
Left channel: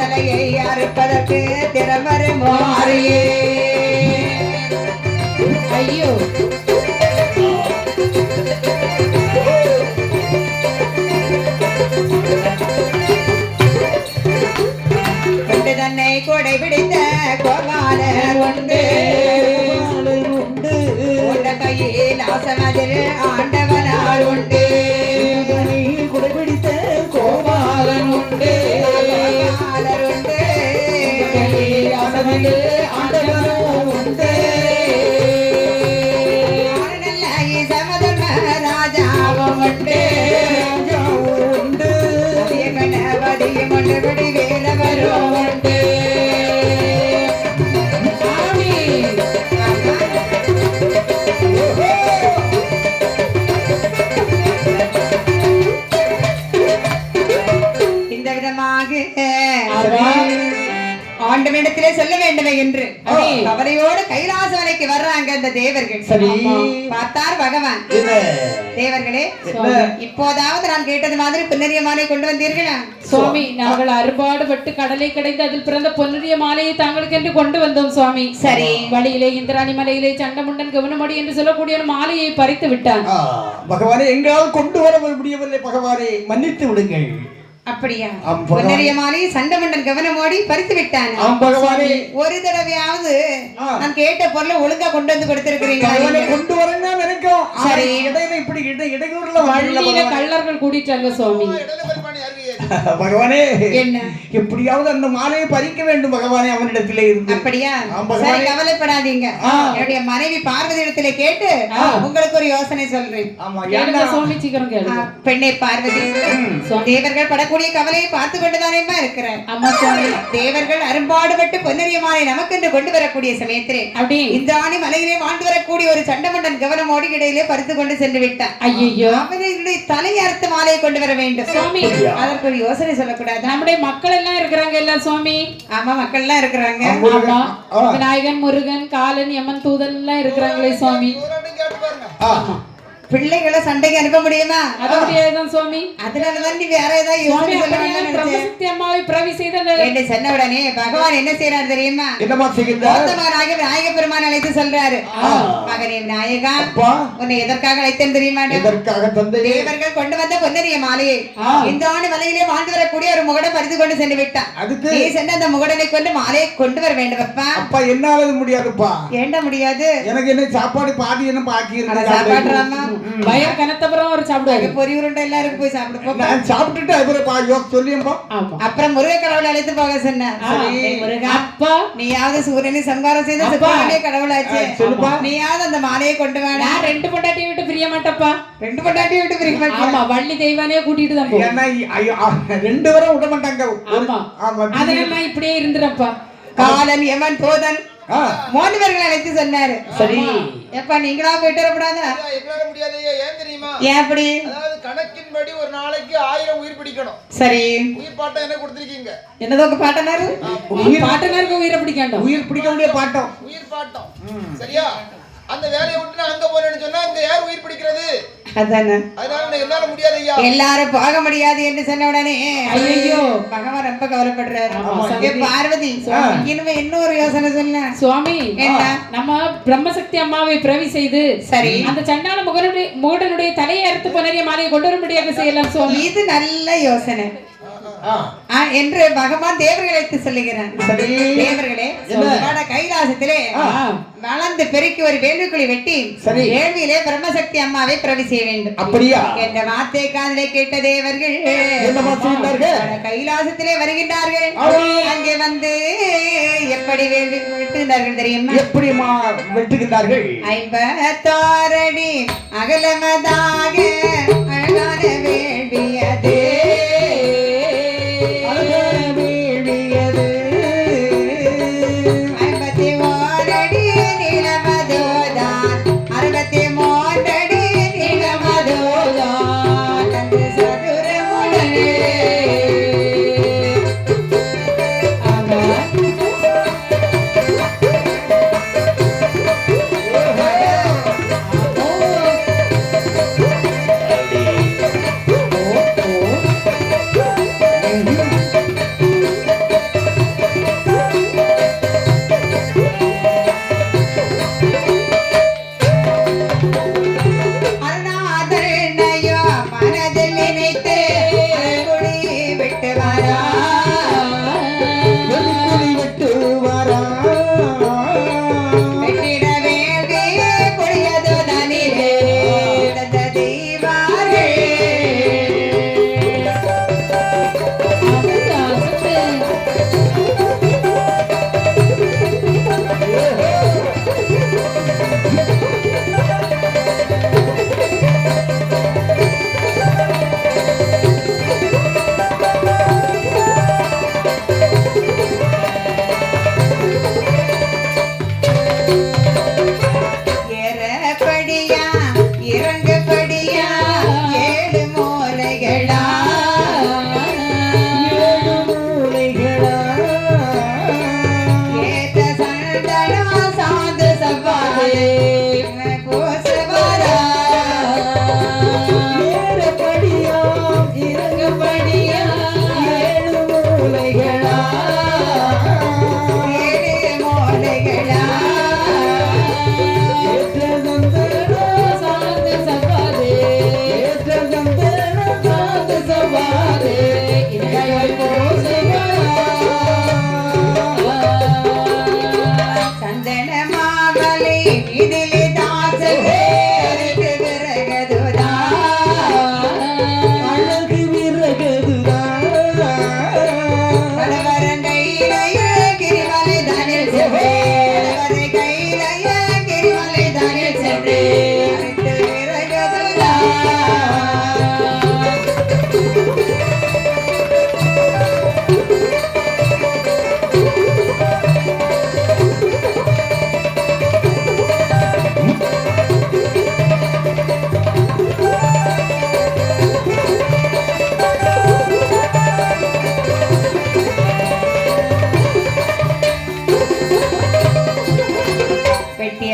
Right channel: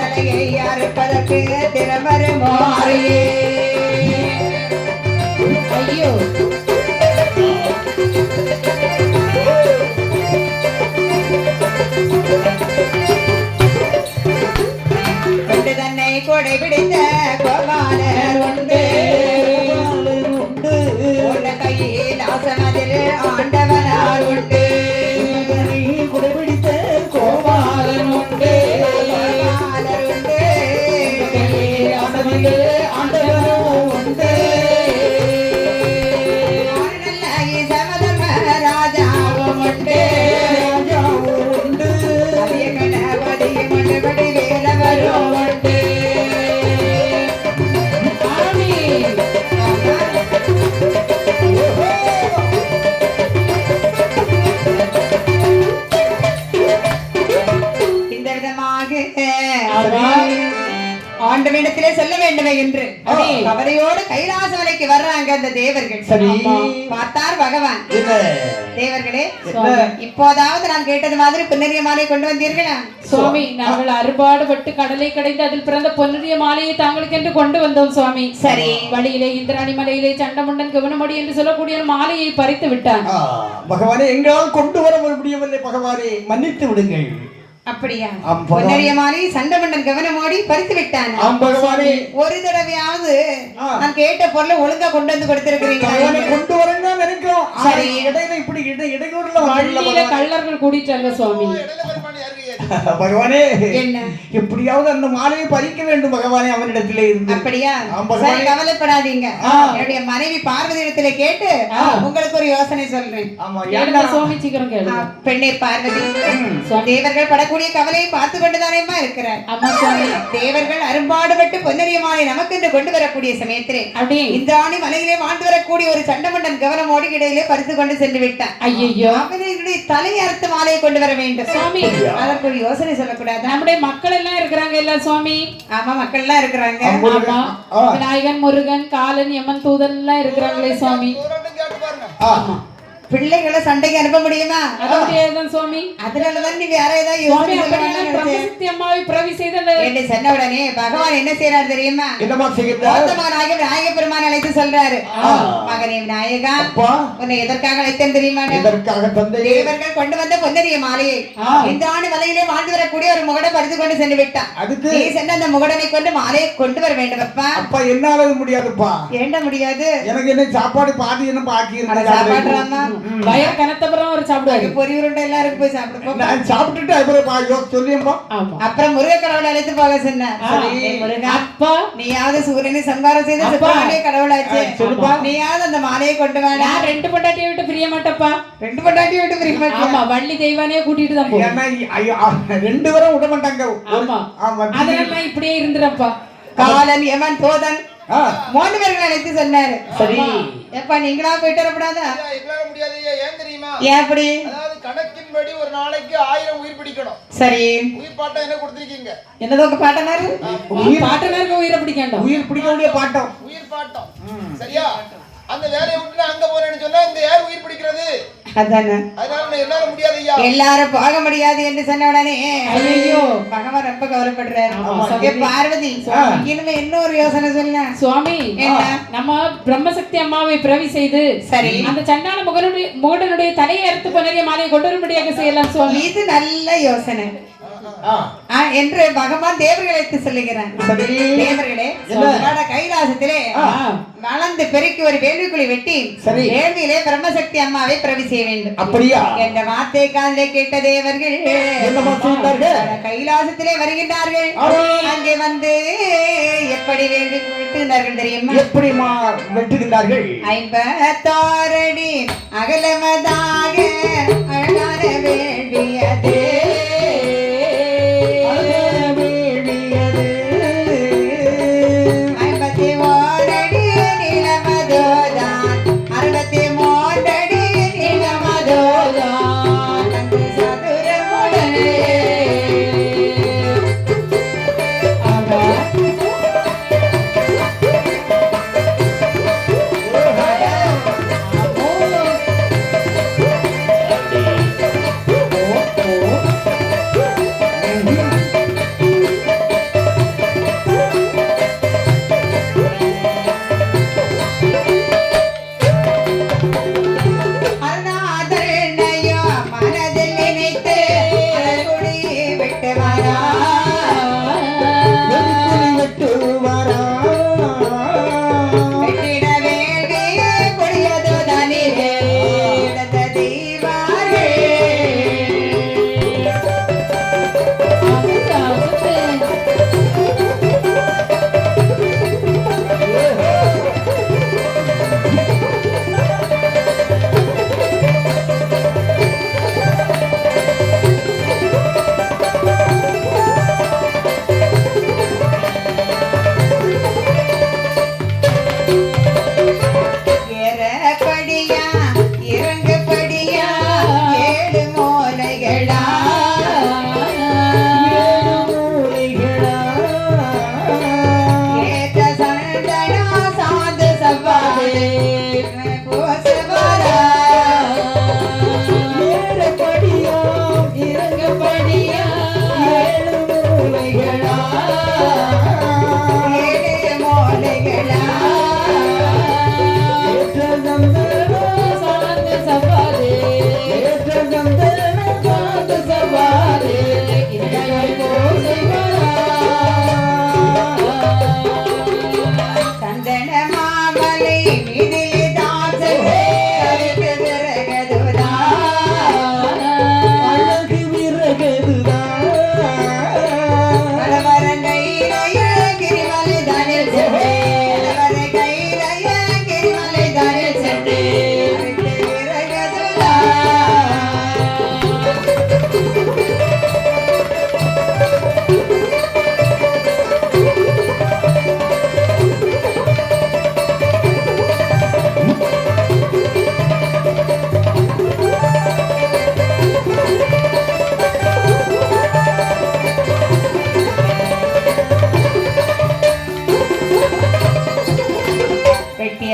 தலையை அறுப்பதற்கு திறமருமோ அறியே. ஐயோ தன்னை கொடை பிடித்த கோபாலர் உண்டு கையில் ஆசனதில் ஆண்டவனார் உண்டு. கொடை பிடித்த கோபாலன் உண்டு ஆசனதில் ஆண்டவனும் உண்டு. சமதர்ம ராஜாவும் உண்டு கணபதி மண்டபடி வேலவரும் உண்டு. இந்த விதமாக ஆண்டவனிடத்திலே செல்ல வேண்டுமே என்று கவலையோடு கைலாச மலைக்கு வர்றாங்க அந்த தேவர்கள். பார்த்தார் பகவான். தேவர்களே இப்போதாவது நான் கேட்டது மாதிரி பொன்னரிய மாலை கொண்டு வந்தீர்களா? சுவாமி நாங்கள் அறுபாடுபட்டு கடலை கடைந்து அதில் பிறந்த பொன்னிய மாலையை தாங்களுக்கு என்று கொண்டு வந்தோம் சுவாமி. சரி. வழியிலே இந்திராணி மலையிலே சண்டமுண்டன் கவனமடி என்று சொல்லக்கூடிய மாலையை பறித்து விட்டான். பகவானே எங்களால் கொண்டு வர முடியவில்லை பகவானே மன்னித்து விடுங்கள். அப்படியா? பொன்னரிய மாலை சண்டமண்டன் கவனமோடி பறித்து விட்டான். ஒரு தடவையாவது நான் கேட்ட பொருளை ஒழுங்கா கொண்டு வந்து கொடுத்திருக்கிறீங்க. கொண்டு வரங்க நினைக்கிறோம். சரி இடையில இப்படி இடையூறுல கள்ளர்கள் கூடிட்டாங்க சுவாமி. பகவானே என்ன எப்படியாவது அந்த மாலையை பறிக்க வேண்டும் பகவானே அவனிடத்திலே இருந்து. அப்படியா? சரி கவலைப்படாதீங்க. என்னுடைய மனைவி பார்வதி இடத்திலே கேட்டு உங்களுக்கு ஒரு யோசனை சொல்றேன். சுவாமி சீக்கிரம் கேளு. பெண்ணே பார்வதி, தேவர்கள் படக்கூடிய கவலையை பார்த்து கொண்டுதானேமா இருக்கிறார். அம்மா சுவாமி, தேவர்கள் அரும்பாடுபட்டு பொன்னரிய மாலை நமக்கு என்று கொண்டு வரக்கூடிய சமயத்திலே அப்படியே இந்த ஆணி மலையிலே வாழ்ந்து வரக்கூடிய ஒரு சண்டமண்டன் கவனமோடி இடையிலே பறித்து கொண்டு சென்று விட்டான். ஐயோ, அவனுடைய தலையை அறுத்த மாலையை கொண்டு வர வேண்டும் சுவாமி. அதற்கு ஒரு யோசனை சொல்லக்கூடாது? நம்முடைய மக்கள் எல்லாம் இருக்கிறாங்க இல்ல சுவாமி? ஆமா மக்கள் எல்லாம் இருக்கிறாங்க. விநாயகன், முருகன், காலன், யமன், தூதன் எல்லாம் இருக்கிறாங்களே சுவாமி. பிள்ளைகளை சண்டைக்கு அனுப்ப முடியுமா? அது முடியாதுதான் சுவாமி. அதனாலதான் நீ வேற ஏதாவது யோசனை என்று சொன்ன உடனே பகவான் என்ன செய்யறாரு தெரியுமா? விநாயக பெருமான் அழைத்து சொல்றாரு, மகனே விநாயகா, உன்னை எதற்காக அழைத்தேன் தெரியுமா? தேவர்கள் கொண்டு வந்த பொன்னரிய மாலையை இந்த ஆண்டு மலையிலே வாழ்ந்து வரக்கூடிய ஒரு முகடை பறித்து கொண்டு சென்று விட்டான். நீ சென்று அந்த முகடனை கொண்டு மாலையை கொண்டு வர வேண்டும். அப்பா என்னால முடியாதுப்பா. ஏண்ட முடியாது? எனக்கு என்ன சாப்பாடு பாதி என்ன பாக்கி இருக்கு. சாப்பாடுறாமா பயம் கனத்தப்புறம் ஒரு சாப்பிடுவாரு. பொரி உருண்டை எல்லாருக்கும் போய் சாப்பிட்டு நான் சாப்பிட்டுட்டு அப்புறம் சொல்லியம்பா. அப்புறம் முருக கடவுளை அழைத்து போக சொன்னேன். அப்பா, நீயாவது சூரியனை சம்காரம் செய்த சிவனுடைய கடவுளாச்சு, நீயாவது அந்த மாலையை கொண்டு வா. நான் 2 பொண்டாட்டியை விட்டு பிரிய மாட்டப்பா. 2 பொண்டாட்டியை விட்டு பிரிய மாட்டேன். ஆமா, வள்ளி தெய்வானே கூட்டிட்டு தான் போறேன். 2 பேரும் விட மாட்டாங்க. அதனால இப்படியே இருந்துறப்பா. காலன், யமன், தோதன் 3 பேர்களை அழைத்து சொன்னாரு. சரி எப்பா, நீங்களா போயிட்டு வரக்கூடாதா? எங்களால முடியாது. ஏன் தெரியுமா? ஏன் அப்படி? அதாவது கணக்கின்படி ஒரு நாளைக்கு 1000 உயிர் பிடிக்கணும். சரி, உயிர் பாட்டம் என்ன கொடுத்திருக்கீங்க? என்னதோ பாட்டனாரு பாட்டனாருக்கு உயிரை பிடிக்கணும். உயிர் பிடிக்க வேண்டிய பாட்டம். உயிர் பாட்டம். சரியா? அந்த வேலையை விட்டு அங்க போறேன்னு சொன்னா அங்க யார் உயிர் பிடிக்கிறது? அதானே. அதனால என்னால முடியாது ஐயா. எல்லாரும் போக முடியாது என்று சொன்ன உடனே ஐயோ பகவான் ரொம்ப கவலைப்படுறாரு. பார்வதி, இனிமே இன்னொரு யோசனை சொல்ல சுவாமி. நம்ம பிரம்மசக்தி அம்மாவை பிரவி செய்து சரி அந்த சண்டாள முகனுடைய தலையை அறுத்து பொன்னரிய மாலையை கொண்டு வரும்படியாக செய்யலாம் சுவாமி. இது நல்ல யோசனை. என்று பகவான் தேவர்களை எடுத்து சொல்லுகிறான். தேவர்களே வட கைலாசத்திலே வளர்ந்து பெருக்கி ஒரு வேள்விக்குழி வெட்டி வேள்வியிலே பிரம்மசக்தி அம்மாவை பிரவி செய்ய வேண்டும். அப்படியா என்ற வார்த்தை காதிலே கேட்ட தேவர்கள் கைலாசத்திலே வருகின்றார்கள். அங்கே வந்து எப்படி வேள்வி வெட்டுகிறார்கள் தெரியுமா? எப்படி வெட்டுகின்றார்கள்? 56 அடி அகலமதாக அழகான வேள்வியது.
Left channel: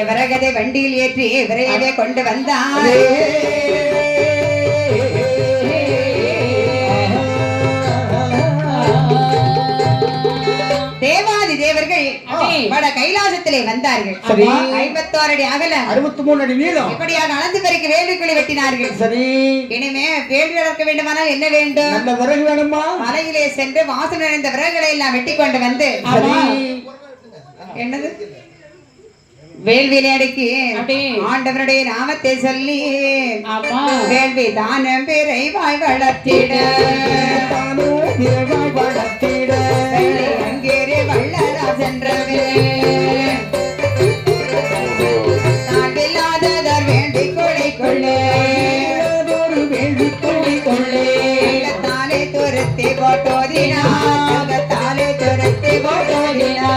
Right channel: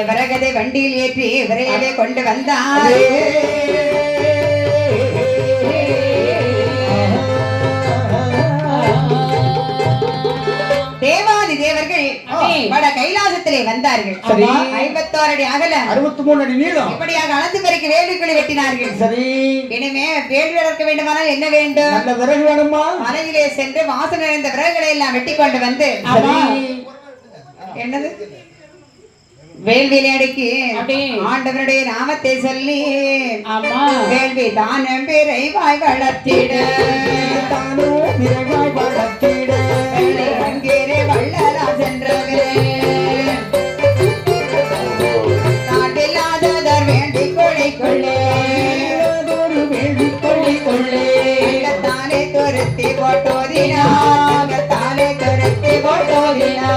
விறகதை வண்டியில் ஏற்றி விரைவாக கொண்டு வந்தார். தேவாதி தேவர்கள் வட கைலாசத்திலே வந்தார்கள். 56 அடி அகலம் 63 அடி நீளம் இப்படியாக அளந்து பெருக்கி வேள்விக்குழி வெட்டினார்கள். சரி, இனிமே வேள்வி வளர்க்க வேண்டுமானால் என்ன வேண்டும்? நல்ல விறகு வேணுமா? மலையிலே சென்று வாசனை நிறைந்த விறகுகளை எல்லாம் வெட்டி கொண்டு வந்து என்னது வேள்வியிலே அடுக்கி ஆண்டவனுடைய நாமத்தை சொல்லி வேள்வி தானம் விரைவாய் வளர்த்திட அங்கேரே வள்ளலா சென்றவே தாண்டில்லாததர் வேண்டி கொள்ளைக்கொள்ளே தானே துரத்தி போட்டோதினா தானே துரத்தி போட்டோதினா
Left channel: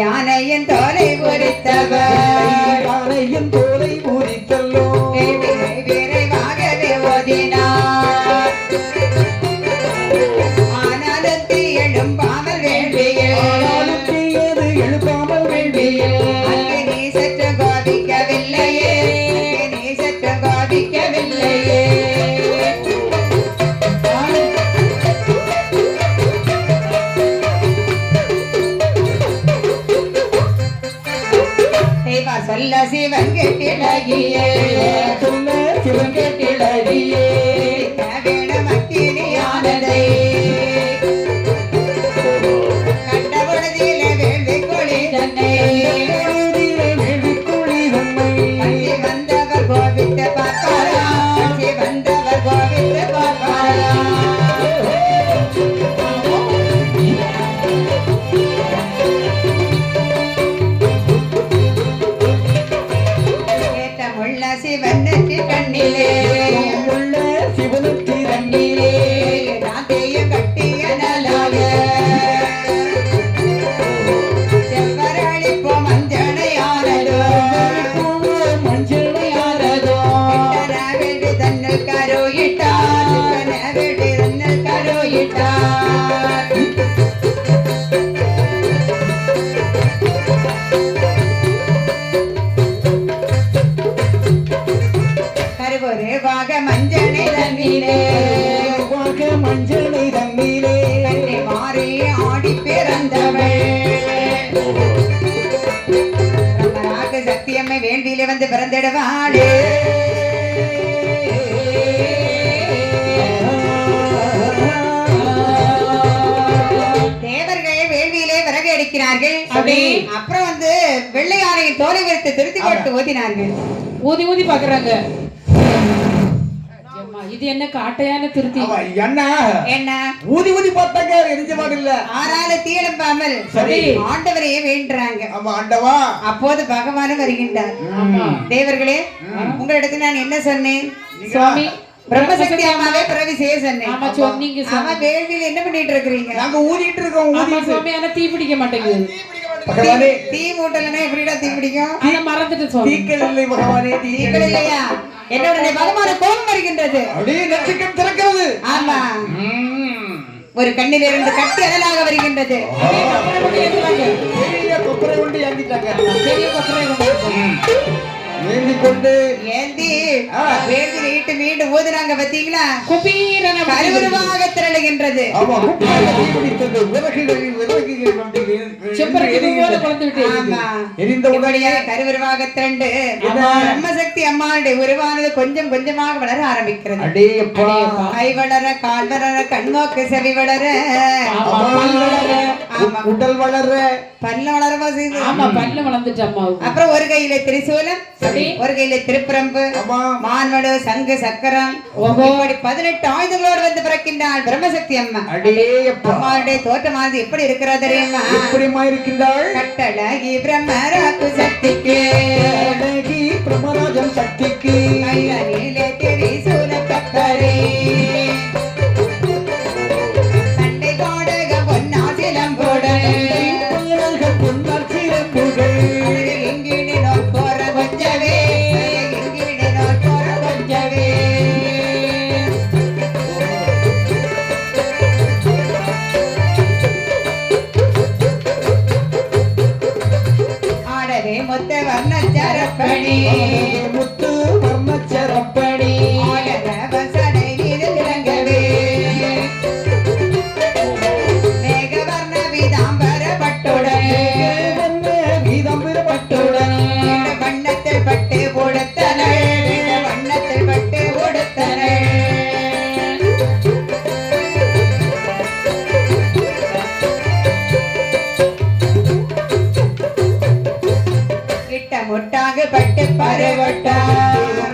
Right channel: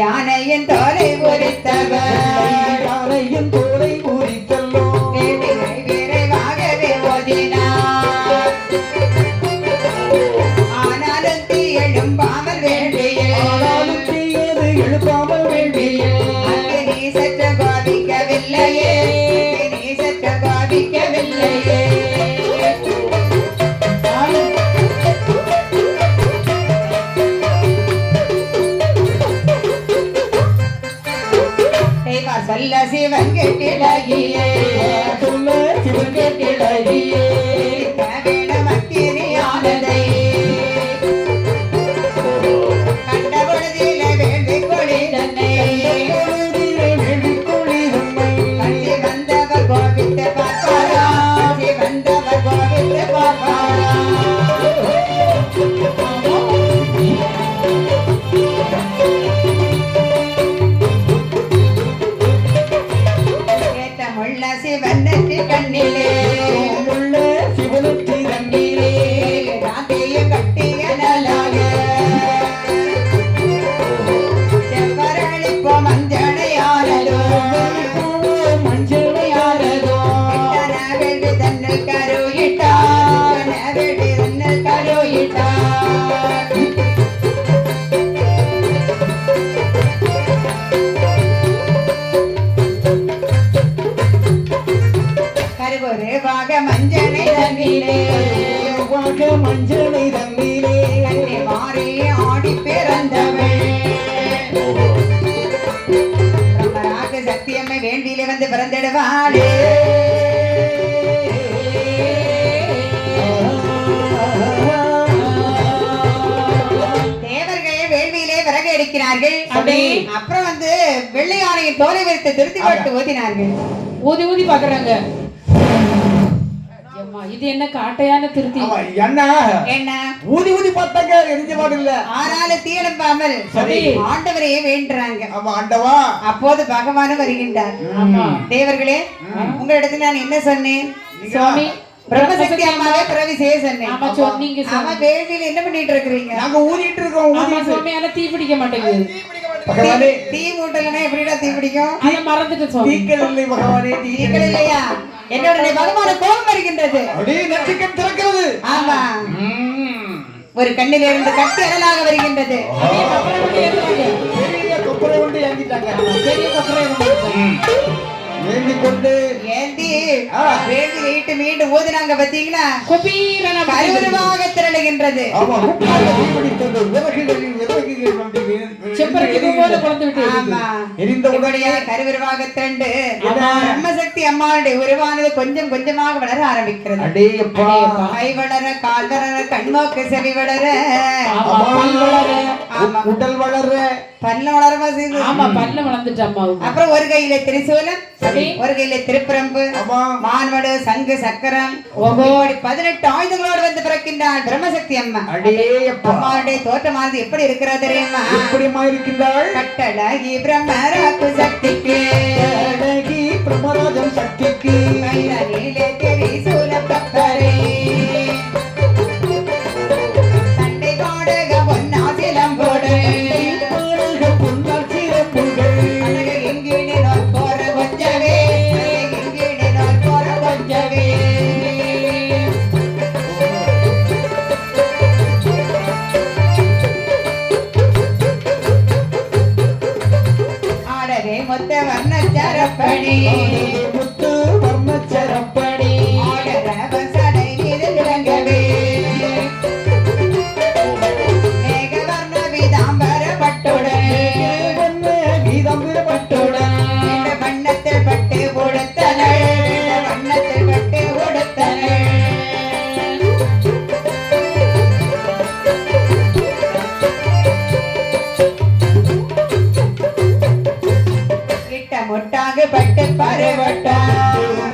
யானையின் தோலை உரித்தவர் யானையின் தோலை உரித்தல்லோ விரைவாகவே ஓதினார். ஆனாலும் தீ எழும்பாமல் வேண்டியில் எழுப்பாமல் வேண்டியில் அங்கு நீ சற்று பாதிக்கவில்லையே நீ சற்று பாதிக்கவில்லையே சொல்ல சிவங்க கிளறியே வேணும் அக்கினியானதை கண்ட பொழுதிலே வேள்வி கொடி தன்னை பள்ளி வந்தவர் கோவிந்த பார்ப்பாரா பள்ளி வந்தவர் கோவிந்த பார்ப்பாரா கேட்டமுள்ள சிவனத்தி கண்ணிலே உள்ள சிவனுக்கு தண்ணீரே நாத்தைய கட்டிய நலாக செவ்வரளிப்போ மஞ்சளையானதோ மஞ்சளையானதோ வேண்டி தன்னில் கருயிட்டார் வேண்டி தன்னில் கருயிட்டார் கருவொரு வாக மஞ்சளை தண்ணீரே மஞ்சளை தண்ணீரே கண்ணி மாறி ஆடி பிறந்தவள் பிரம்மராக சக்தியம்மை வேள்வியிலே வந்து பிறந்திடுவாளே தேவர்கள் வேள்வியிலே விறகு எடுக்கிறார்கள் அப்புறம் வந்து வெள்ளை யானையின் தோலை வைத்து திருத்தி போட்டு ஓதினார்கள் ஊதி ஊதி பாக்குறாங்க. அம்மா, இது என்ன காட்டையான திருத்தி? என்ன என்ன ஊதி ஊதி பார்த்தாங்க எரிஞ்ச மாதிரி இல்ல ஆறால தீழம்பாமல் சரி. ஆண்டவரையே வேண்டுறாங்க. ஆமா ஆண்டவா அப்போது பகவானும் வருகின்றார். தேவர்களே, உங்களிடத்தில் நான் என்ன சொன்னேன்? சுவாமி பிரம்மசக்தி அம்மாவே பிறவி செய்ய சொன்னேன். ஆமா சொன்னீங்க. ஆமா, வேள்வியில் என்ன பண்ணிட்டு இருக்கிறீங்க? நாங்க ஊதிட்டு இருக்கோம். ஆமா சுவாமி, ஆனா தீ பிடிக்க மாட்டேங்குது. பகவானே, தீ மூட்டலன்னா எப்படிடா தீ பிடிக்கும்? அத மறந்துட்டு சுவாமி. தீக்கள் இல்லை பகவானே, தீக்கள் இல்லையா? என்னோட பகவான கோபம் வருகின்றது. அப்படியே நெற்றிக்கண் திறக்கிறது. ஆமா, ஒரு கண்ணிலிருந்து கட்டி அனலாக வருகின்றது. அதே கொப்பரை கொண்டு ஏத்துறாங்க. பெரிய கொப்பரை கொண்டு ஏந்திட்டாங்க. பெரிய கொப்பரை கொண்டு ஏந்தி கொண்டு ஏந்தி வேள்வியில் ஈட்டு மீண்டும் ஊதுனாங்க. பாத்தீங்களா? குபீரன கருவருவாக திரளுகின்றது. ஆமா, குப்பாய தீபிடித்தது. விறகுகள் கொண்டு செம்பருத்தி போல குழந்து விட்டு ஆமா, எரிந்த உடனே கருவருவாக திரண்டு பிரம்மசக்தி அம்மாளுடைய உருவானது கொஞ்சம் கொஞ்சமாக வளர ஆரம்பிக்கிறது. அடேயப்பா, கை வளர, கால் வளர, கண்மோக்கு செவி வளர, பல் வளர, உடல் வளர, பல்ல வளரமா செய்து. ஆமா பல்ல வளர்ந்துட்டு அம்மாவுக்கு. அப்புறம் ஒரு கையில திரிசூலம், ஒரு கையில திருப்பரம்பு, மான்வடு, சங்கு, சக்கரம், இப்படி 18 ஆயுதங்களோடு வந்து பிறக்கின்றாள் பிரம்மசக்தி அம்மா. அடேயப்பா, அம்மாவுடைய தோற்றமானது எப்படி இருக்கிறது தெரியுமா? எப்படிமா இருக்கின்றாள்? கட்டழகி பிரம்மராக்கு சக்திக்கு, அழகி பிரம்மராஜன் சக்திக்கு, கையிலே திரிசூலம் கத்தரை, சண்டை போடுக பொன்னாசிலம் போடு, பொன்னால் சிறப்புகள், எங்கினோர் போற கொஞ்சவே, எங்கினோர் போற கொஞ்சவே. ஆடவே மொத்த வர்ணச்சரப்படி, முத்து வர்ணச்சரப்படி, ஆடரவ சடை மீது இறங்கவே, மேகவர்ண விதாம்பர பட்டுடன், கீதம்பிர பட்டுடன், வண்ணத்தில் பட்டு உடுத்தனள், வண்ணத்தில் பட்டு உடுத்தனள். கிட்ட முட்டாக பட்டு பருவட்டான்,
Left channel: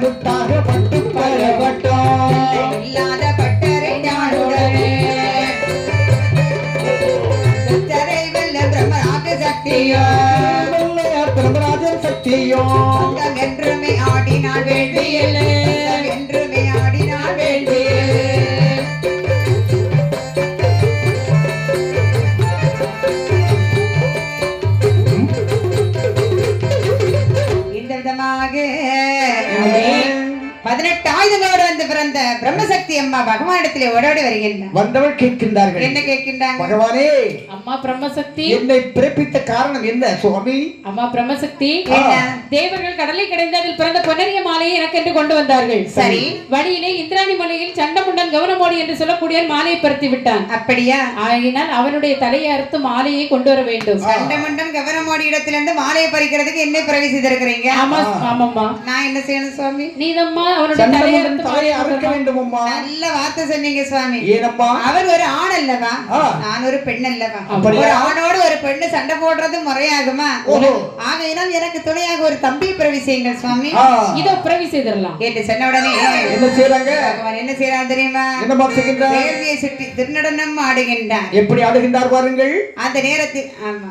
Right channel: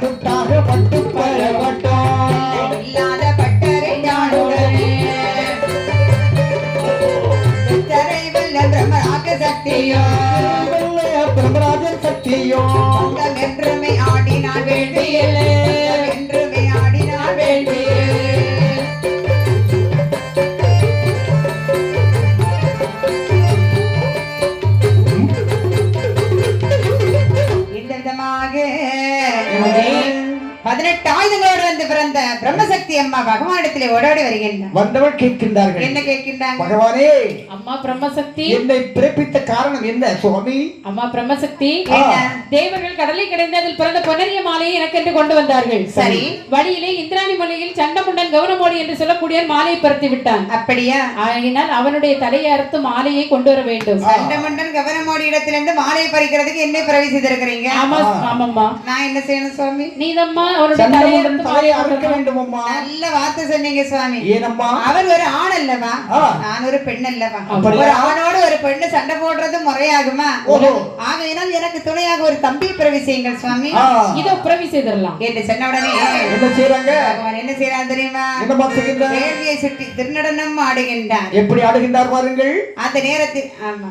முத்தாக பட்டு பரவட்டம், இல்லாத பட்டரை ஞானுடன், சித்தரை வெல்ல பிரம்மராக சக்தியோ, பிரம்மராஜன் சக்தியோ, சொந்தம் என்றுமே ஆடினாள் வேள்வியில், சொந்தம் என்றுமே ஆடினாள் வேள்வியில். இந்த விதமாக 18 ஆயுதங்களோடு வந்து பிறந்த பிரம்மசக்தி அம்மா பகவானிடத்திலே ஓடோடி வருகின்றார். வந்தவள் கேட்கின்றார்கள். என்ன கேட்கின்றாங்க? பகவானே, அம்மா பிரம்மசக்தி, என்னை பிறப்பித்த காரணம் என்ன சுவாமி? அம்மா பிரம்மசக்தி, தேவர்கள் கடலை கடைந்து அதில் பிறந்த பொன்னரிய மாலையை எனக்கு என்று கொண்டு வந்தார்கள். சரி. வழியிலே இந்திராணி மலையில் சண்டமுண்டன் கவனமோடி என்று சொல்லக்கூடிய மாலையை பருத்தி விட்டான். அப்படியா? ஆகினால் அவனுடைய தலையை அறுத்து மாலையை கொண்டு வர வேண்டும். சண்டமுண்டன் கவனமோடி இடத்திலிருந்து மாலையை பறிக்கிறதுக்கு என்ன பிறவி செய்திருக்கிறீங்க? ஆமா ஆமாம்மா. நான் என்ன செய்யணும் சுவாமி? நீதம்மா அவனுடைய தலையை அறுக்க வேண்டும் அம்மா. நல்ல வார்த்தை சொன்னீங்க சுவாமி. ஏனம்மா? அவர் ஒரு ஆண் அல்லவா, நான் ஒரு பெண் அல்லவா? ஒரு ஆணோடு ஒரு பெண்ணு சண்டை போடுறது முறையாகுமா? ஆகையினால் எனக்கு துணையாக ஒரு தம்பி பிறவி செய்யுங்கள் சுவாமி. இதோ பிறவி செய்திடலாம் என்று சொன்ன உடனே என்ன செய்றாங்க? பகவான் என்ன செய்யறான் தெரியுமா? என்ன செய்கின்றார்? வேள்வியை சுற்றி திருநடனம் ஆடுகின்றார். எப்படி ஆடுகின்றார் பாருங்கள். அந்த நேரத்தில் ஆமா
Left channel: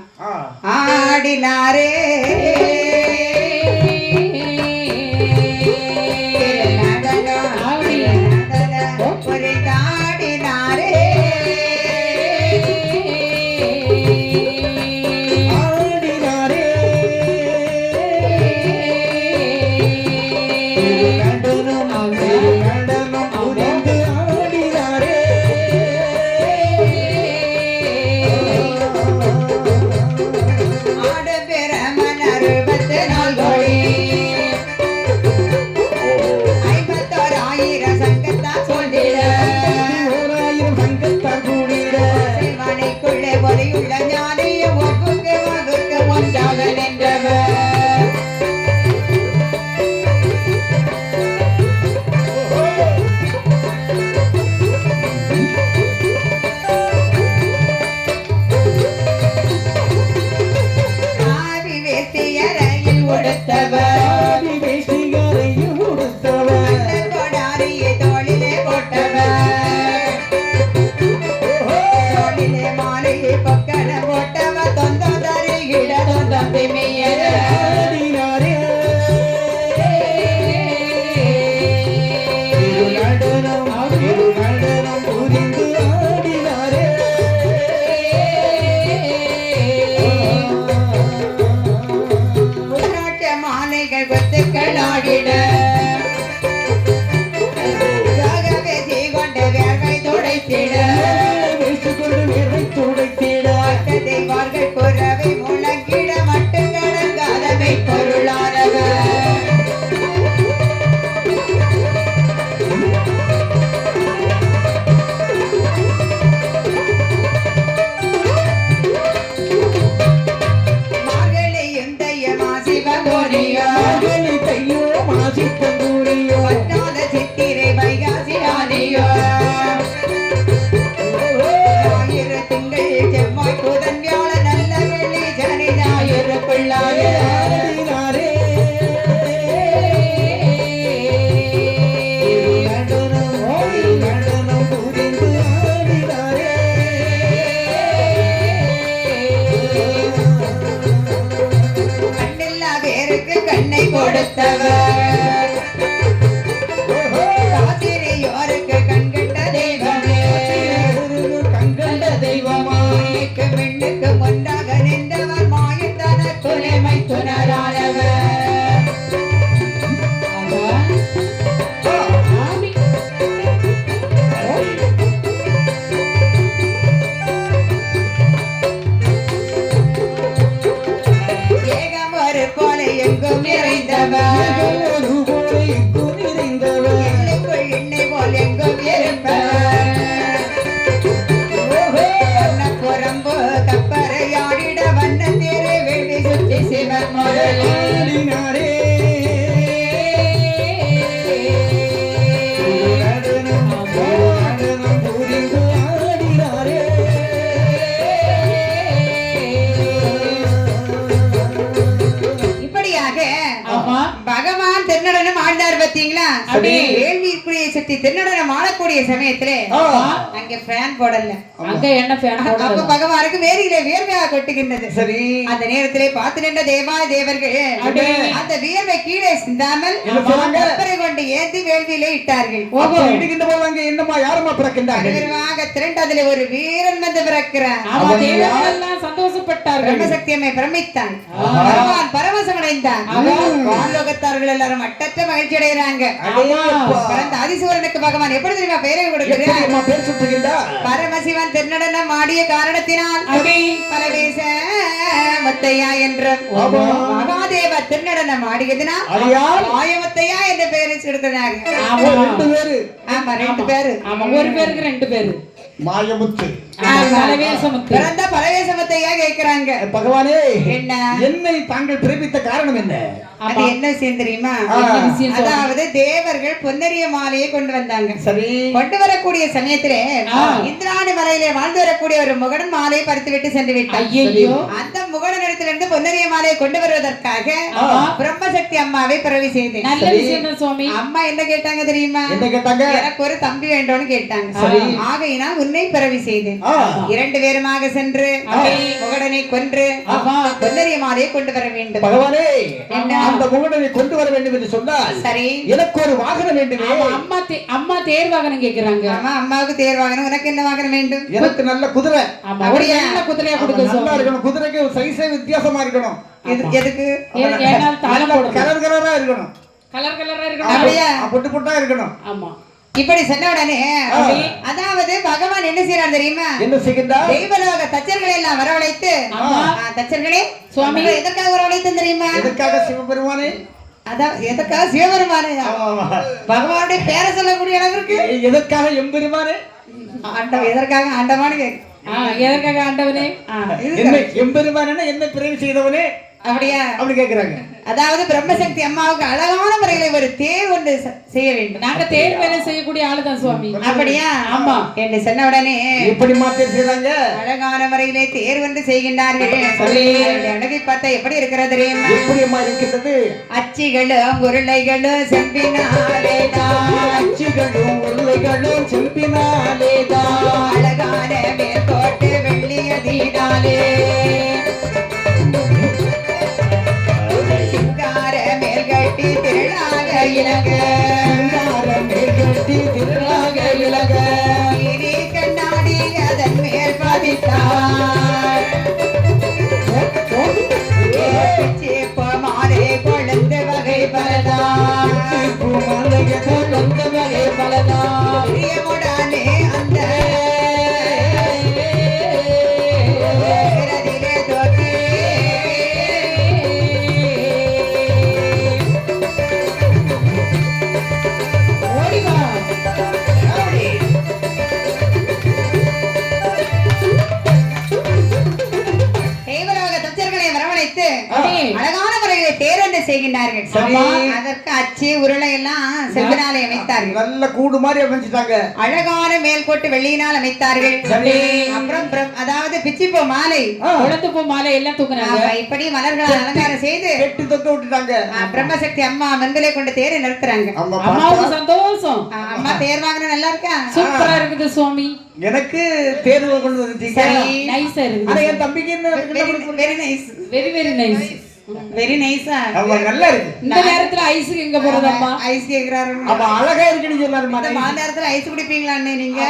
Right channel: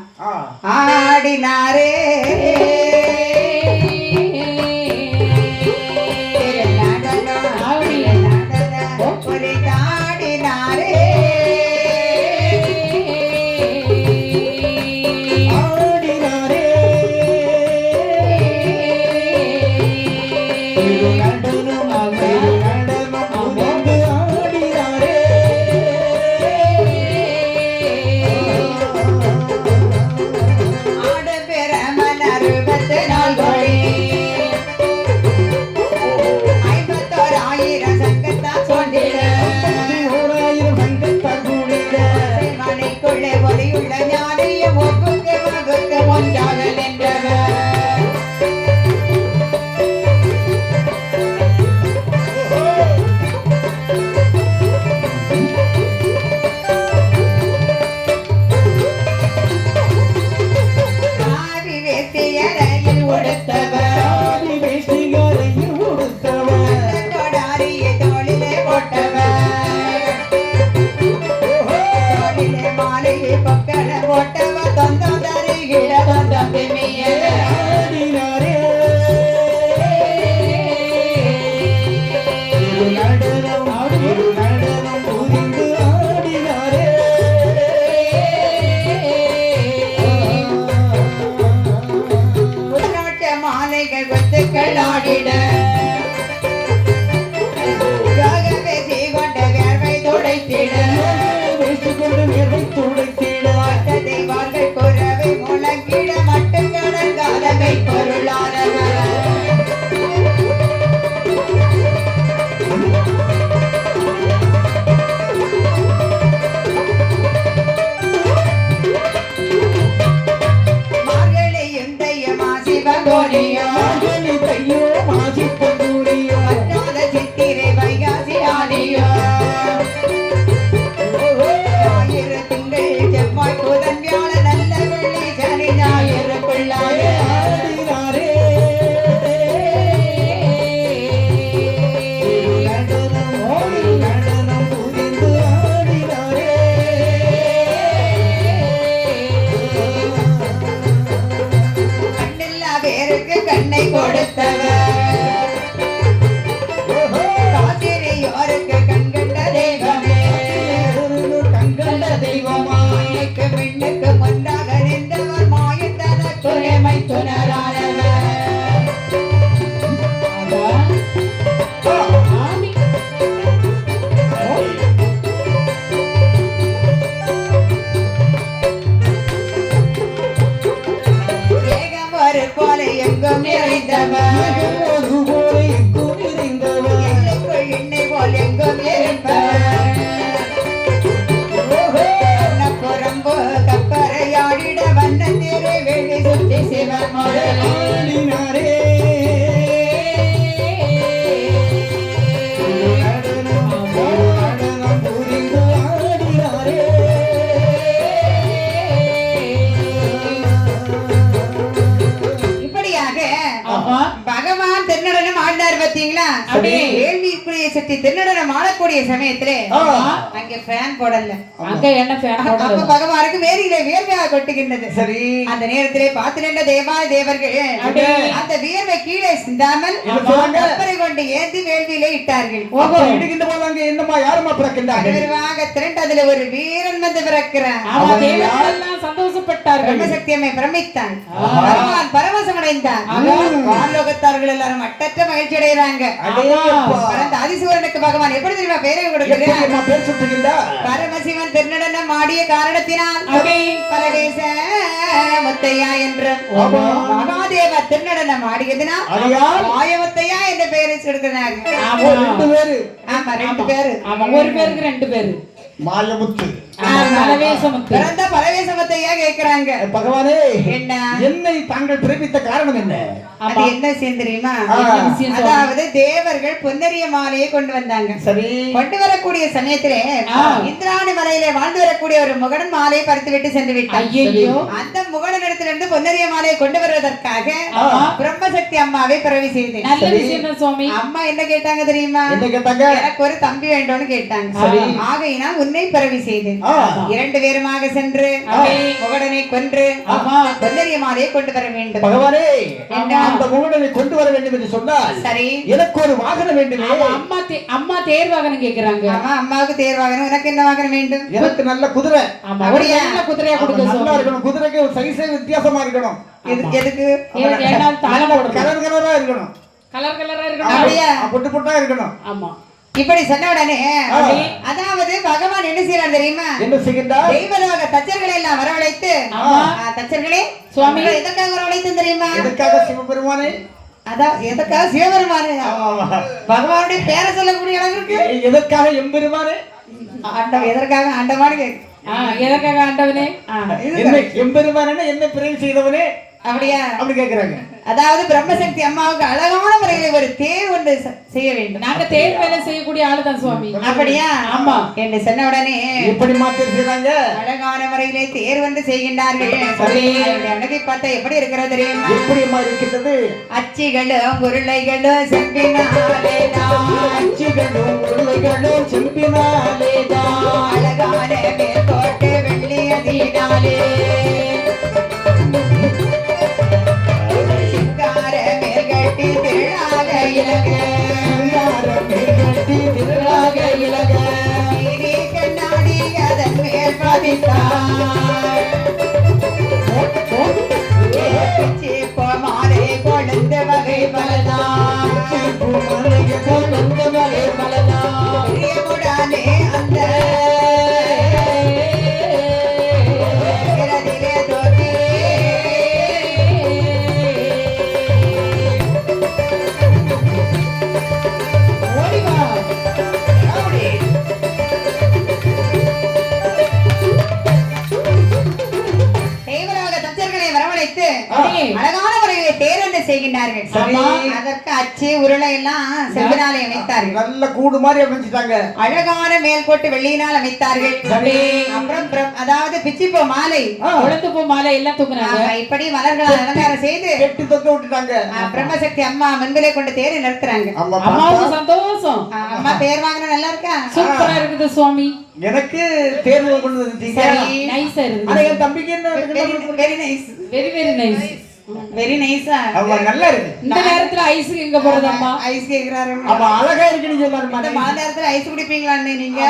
ஆடினாரே சமயத்திலே அங்கே ஃபேன் போடல. அங்க என்ன ஃபேன் போடல? அப்ப பகவானுக்கு வேரியிலே வியர்வையாக கொட்டுகின்றது. சரி. அந்த நேரத்திலே பார்த்து நின்ற தேவாதி தேவர்கள் அந்த வியர்வை கீழே சிந்தாமல் கப்பரை கொண்டு ஏந்தி வேள்வியிலே இட்டார்கள். இடுகின்ற போது அங்கே என்னமா யாரம்மா பிறக்கின்றார்கள்? விரைவாக திரண்டு அதிலே ஒரு வீரன் வந்து பிறக்கிறான். எல்லாம் சந்தோஷப்பட்டார்கள். பிரம்மசக்தியம்மை பிரமித்தான். பரவசம் அடைந்தான். வானலோகத்தார்கள் எல்லாரும் அட்டற்ற மகிழ்ச்சி அடைகிறாங்க. பரந்த ஆதிசூரனுக்கு பகவான் எப்படி தெரியுமா பெயரை கொடுக்கிறார்? பரமசிவன் திருநடனம் ஆடிய காரணத்தினால் பலவேச முத்தையா என்ற மகாதேவ திருநடனம் ஆடியதினால் மாயமுத்தையா என்ற பெயரை கொடுக்கிறாங்க. ஆமா 2 பேரு. ஆமா ஒரு பேருக்கு 2 பேரு. மாயமுத்து பரவேசமுத்தையா கேட்கிறாங்க. பகவானே என்ன என்னை தாங்கள் பிறப்பித்த காரணம் என்ன? அது என்ன விஷயம் தெரியுமா? அதாவது தேவர்கள் பொன்னரிய மாலையை கொண்டு வந்தாங்க. சரி, கொண்டு வரக்கூடிய சமயத்திலே இந்திராணி மலையிலே வாழ்ந்து வரக்கூடிய ஒரு முகடன் மாலையை பறித்து விட்டு சென்று விட்டார். அந்த முகடனிடத்திலிருந்து பொன்னரிய மாலையை கொண்டு வருவதற்காக பிரம்மசக்தி அம்மாவை பிறவி செய்தேன். அம்மா என்ன கேட்டாங்க தெரியுமா? எனக்கு ஒரு தம்பி வேண்டும்னு கேட்டாங்க. ஆகையினால் உன்னை பிறவி செய்தேன். 2 பேருமாக சென்று முகடனை கொன்று பொன்னரிய மாலையை கொண்டு வர வேண்டும். பகவானே அந்த முகடனை கொண்டு வர வேண்டும் என்று சொன்னால் சரி, எனக்கு ஒரு வாகனம் வேண்டும். அம்மா தேர் வாகனம் கேக்குறாங்க. ஆமா, அம்மாவுக்கு தேர் வாகனம். உனக்கு என்ன வாகனம் வேண்டும்? எனக்கு நல்ல குதிரை. நல்ல குதிரையா கொடுக்க நல்லா இருக்கணும். குதிரைக்கு ஒரு சைஸே வித்தியாசமா இருக்கணும். எதுக்கு? கலர் கலரா இருக்கணும். கலர் கலரா இருக்கணும். அப்படியே பொட்டு பொட்டா இருக்கணும். ஆமா. இப்படி சொன்ன உடனே அதாவது பகவான் என்ன செய்யறார் தெரியுமா? என்ன செய்கின்றார்? தெய்வலோக தச்சர்களை எல்லாம் வரவழைத்து, தச்சர்களே சுவாமி எதற்காக வரவழைத்து தெரியுமா? எதற்காக? சிவபெருமானே. அதான் எதற்காக சிவபெருமானே? பகவானுடைய பேரை சொல்லக்கூடிய இடம் இருக்கு. எதற்காக எம்பெருமானே? எதற்காக ஆண்டவானு எதற்காக ஆண்டவனே? எம்பெருமானே என்னை பிறவி செய்தவனே அப்படியா? அப்படி கேக்குறாங்க. அதாவது பிரம்மசக்தி அம்மாவுக்கு அழகான முறையில் ஒரு தேர் ஒன்று செய்ய வேண்டும். நாங்க தேர் வேலை செய்யக்கூடிய ஆளுதான் சுவாமி. அப்படியா? ஆமா. என்று சொன்ன உடனே எப்படி மாத்திருக்கிறாங்க? அழகான முறையிலே தேர் ஒன்று செய்கின்றார்கள். அழகை பார்த்தா எப்படி இருக்கிறது தெரியுமா? எப்படி இருக்கிறது? அச்சிகளும் உருளைகளும் செம்பினாலேதான். அச்சிகளும் உருளைகளும் செம்பினாலேதான். அழகான மேற்கோட்டு வெள்ளியதினாலே கண்ணாடி அதன் மேல் மாலை கொழுந்த வகை பலதானே அந்த அழகான முறையிலே தேரண்டு செய்கின்றார்கள். அதற்கு அச்சு உருளை எல்லாம் செம்பினாலே அமைத்தார்கள். நல்ல கூடு மாதிரி அமைச்சிட்டாங்க. அழகான மேல்கோட்டு வெள்ளியினால் அமைத்தார்கள். அப்புறம் அதாவது பிச்சிப்பூ மாலை, உளுந்துப்பூ மாலை எல்லாம் தூக்குனாங்க. இப்படி மலர்களால் அலங்காரம் செய்து கெட்டி தொக்க விட்டுட்டாங்க. பிரம்மசக்தி அம்மா மண்பிலே கொண்டு தேரை நிறுத்துறாங்க. அம்மாவுக்கு சந்தோஷம். அம்மா தேர் வாங்கினா நல்லா இருக்கா? சூப்பரா இருக்குது சுவாமி. எனக்கு தேர்வு கொண்டு வந்துட்டீங்க. நைஸா இருக்கு. ஆனா என் தம்பிக்கு என்ன? Very nice. Very very nice. Very நைஸா? அவ நல்லா இருக்கு. இந்த நேரத்துல ஐஸ்க்கு எங்க போறது அம்மா? ஐஸ் கேக்குறாரு. அவ அழகா இருக்குன்னு சொன்னாரு. இந்த நேரத்துல ஐஸ் குடிப்பீங்களான்னு நீங்க?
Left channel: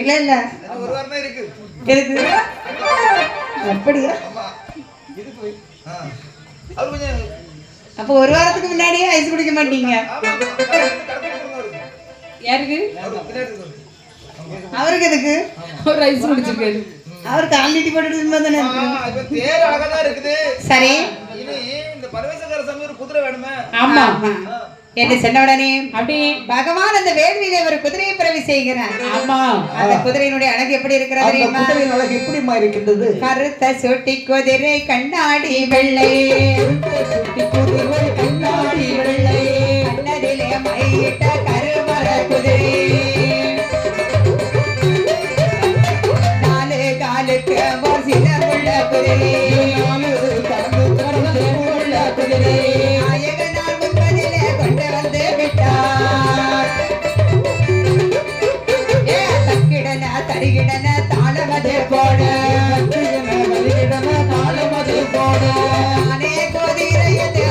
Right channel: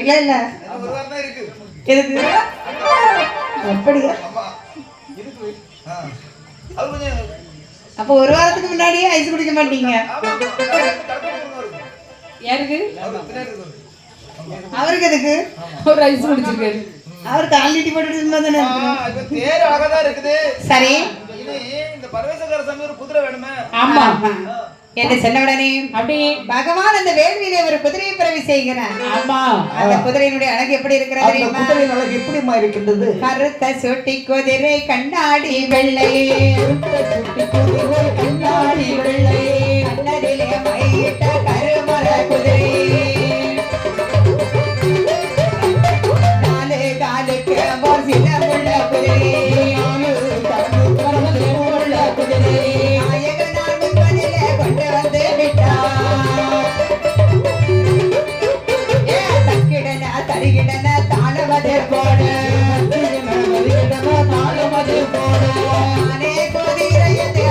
இல்ல இல்ல, ஒரு வாரம் தான் இருக்கு. எதுக்கு? அப்படியா? அப்ப ஒரு வாரத்துக்கு முன்னாடியே ஐஸ் குடிக்க மாட்டீங்க? யாருக்கு? அவருக்கு எதுக்கு? ஒரு ஐஸ் குடிச்சிருக்காரு. அவருக்கு ஆல்ரெடி போட்டுட்டு தானே இப்ப தேர் அழகா தான் இருக்குது. சரி, இனி இந்த பரமேஸ்வர சாமி ஒரு குதிரை வேணுமே. ஆமா. என்று சொன்ன உடனே அப்படி பகவான் அந்த வேள்வியிலே ஒரு குதிரையை பிறவி செய்கிறார். ஆமா. அந்த குதிரையினுடைய அழகு எப்படி இருக்கிறது தெரியுமா? குதிரையின் அழகு எப்படிமா இருக்கின்றது? கருத்த சுட்டி குதிரை கண்ணாடி வெள்ளை, கருத்த சுட்டி குதிரை கண்ணாடி வெள்ளை, கண்ணதிலே மையிட்ட கருமல குதிரை, நாலு காலுக்கு ஒரு சில உள்ள குதிரை, நாலு காலுக்கு உள்ள குதிரை, நாயகனார் முன்பதிலே கொண்டு வந்து விட்டார். தக்கிடன தருகிடன தாளமது போட, தாளமது போட, நானே குதிரையது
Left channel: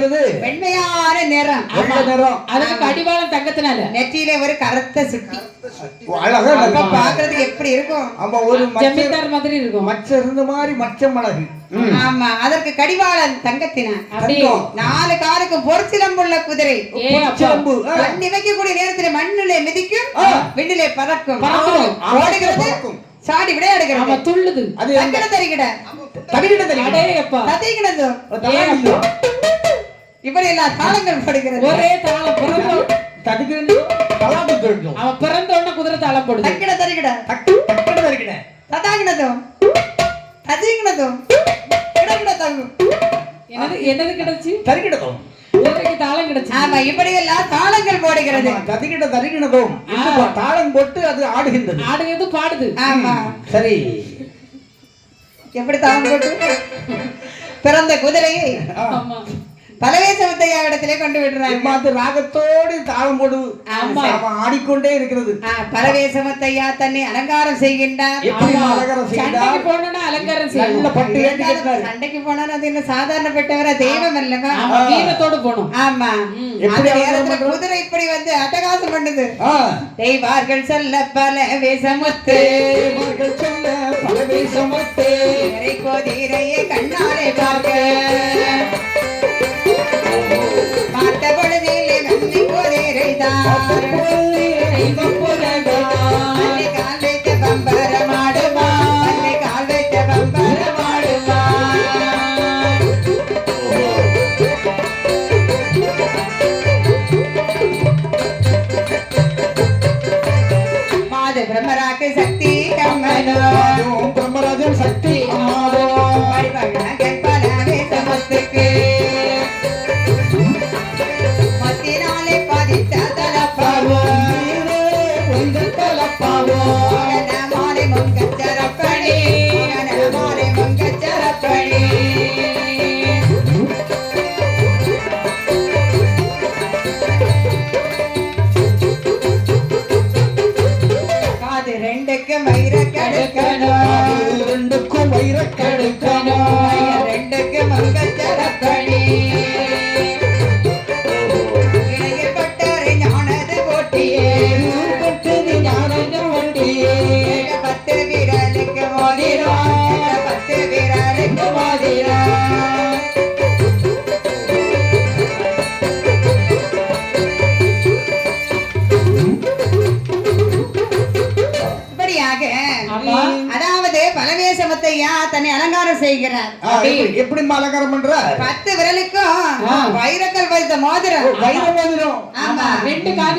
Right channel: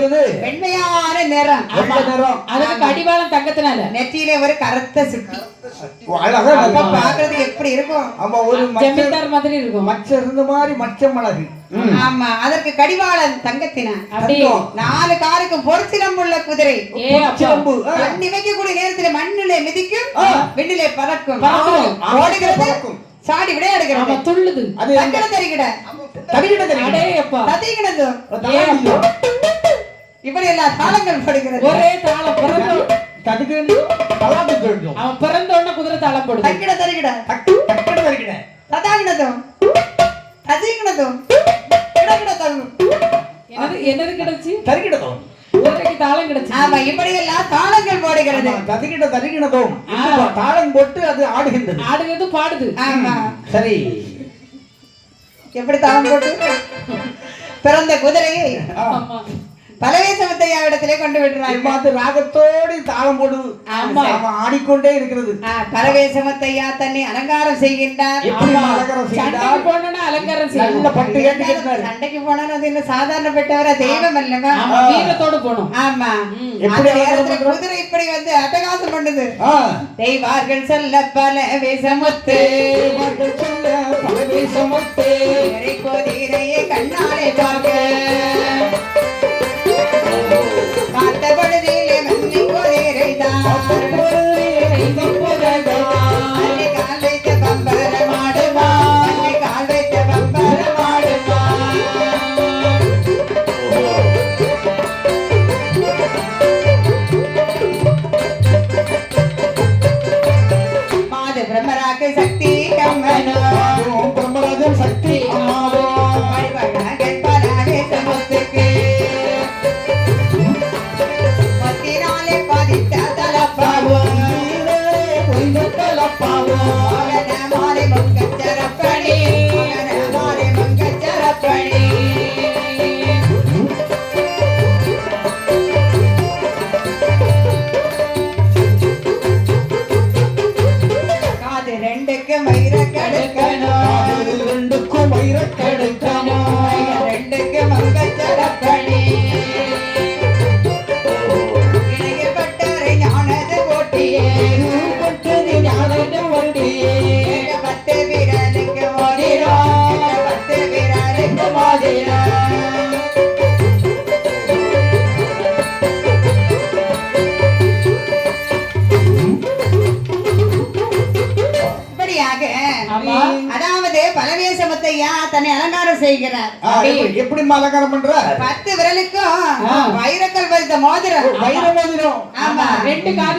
இருக்கிறது வெண்மையான நிறம். வெள்ளை நிறம். அதுக்கு கடிவாளம் தங்கத்தினால. நெற்றியிலே ஒரு கருத்த சுட்டி. அழகா அப்ப பாக்குறதுக்கு எப்படி இருக்கும்? ஆமா, ஒரு ஜமீன்தார் மாதிரி இருக்கும். மச்ச இருந்த மாதிரி மச்சம் அழகு. ஆமா, அதற்கு கடிவாளம் தங்கத்தினான். அப்படியே 4 காலுக்கும் பொற்சிலம்புள்ள குதிரை. சிலம்பு. கண்ணி வைக்கக்கூடிய நேரத்தில் மண்ணிலே மிதிக்கும், விண்ணிலே பறக்கும், பறக்கும். ஓடுகிறது, சாடி விளையாடுகிறது, துள்ளுது. அது தங்கட தரிகிட தரிகிட தரிகிட அடேயப்பா. ததிகிடது. இப்படி எல்லாம் தாளங்கள் படுகிறது. ஒரே தாளம் பிறந்தோம். ததிகிட தலாட்டு தெரிஞ்சோம். அவன் பிறந்த உடனே குதிரை தாளம் போடுது. தக்கிட தரிகிட தக்கிட தரிகிட ததாகிடதும் ததிகிடதும் கிடகிட தங்கு. என்னது கிடைச்சு? தரிகிடதோம். குதிரைக்கு தாளம் கிடைச்சு. ஆமா, இப்படி எல்லாம் தாளங்கள் போடுகிறது. ததிகிட தரிகிடதோம். தாளம் போட்டு அது ஆடுகின்றது. ஆடுகிறது, பாடுது. ஆமா, சரி. எப்படி தாளம் போட்டு பிறந்த குதிரையை ஆமா. பலவேசமத்தையா இடத்திலே கொண்டு விடுறாங்க. ராகத்தோடு தாளம் போடு. ஆமா. ஆடிக்கொண்டே இருக்கிறது. பலவேசமத்தையா தன்னை அலங்காரம் செய்கின்றார். சண்டைக்கு போனா அலங்காரம் செய்யணும். நல்ல பட்டு வேட்டி கட்டினாரு. சண்டைக்கு போனா அது என்ன சாதாரணப்பட்டவர தெய்வம் அல்லவா? வீரத்தோடு போகணும். ஆமா, எப்படி குதிரை இப்படி வந்து அட்டகாசம் பண்ணுது. தெய்வார்கள் சொல்ல பல வேசமுத்து, குதிரையை கண்ணாலே பார்க்க பார்த்த பொழுதிலே மண்ணை குதிரை தான் கால் வைத்த பம்பரமாடுமா, கால் வைத்த பம்பரமாடுமா. மாது பிரம்மராக்கு சக்தி கம்மனோ, பிரம்மராஜன் சக்தி சமத்துக்கு மத்தினாலே பதித்த தலப்பாவோ, மாலை மங்கச்சரப்பணி, மாலை மங்கச்சரப்பணி. காது ரெண்டுக்கும் வயிற கடுக்கணும், ரெண்டுக்கும் வயிற கடுக்கணும், ரெண்டுக்கும் மங்கச்சரப்பணி. இணையப்பட்டரை ஞானது போட்டியே, பத்து வீரலுக்கு மோதிரம், 10 வீரலுக்கு மோதிரம். இப்படியாக அதாவது பலவேசமத்தையா தன்னை அலங்காரம் செய்கிறார். எப்படி அலங்காரம் பண்ற? 10 விரலுக்கும் வைரக்கல் பதித்த மோதிரம். வைர மோதிரம். ஆமா, 2 காது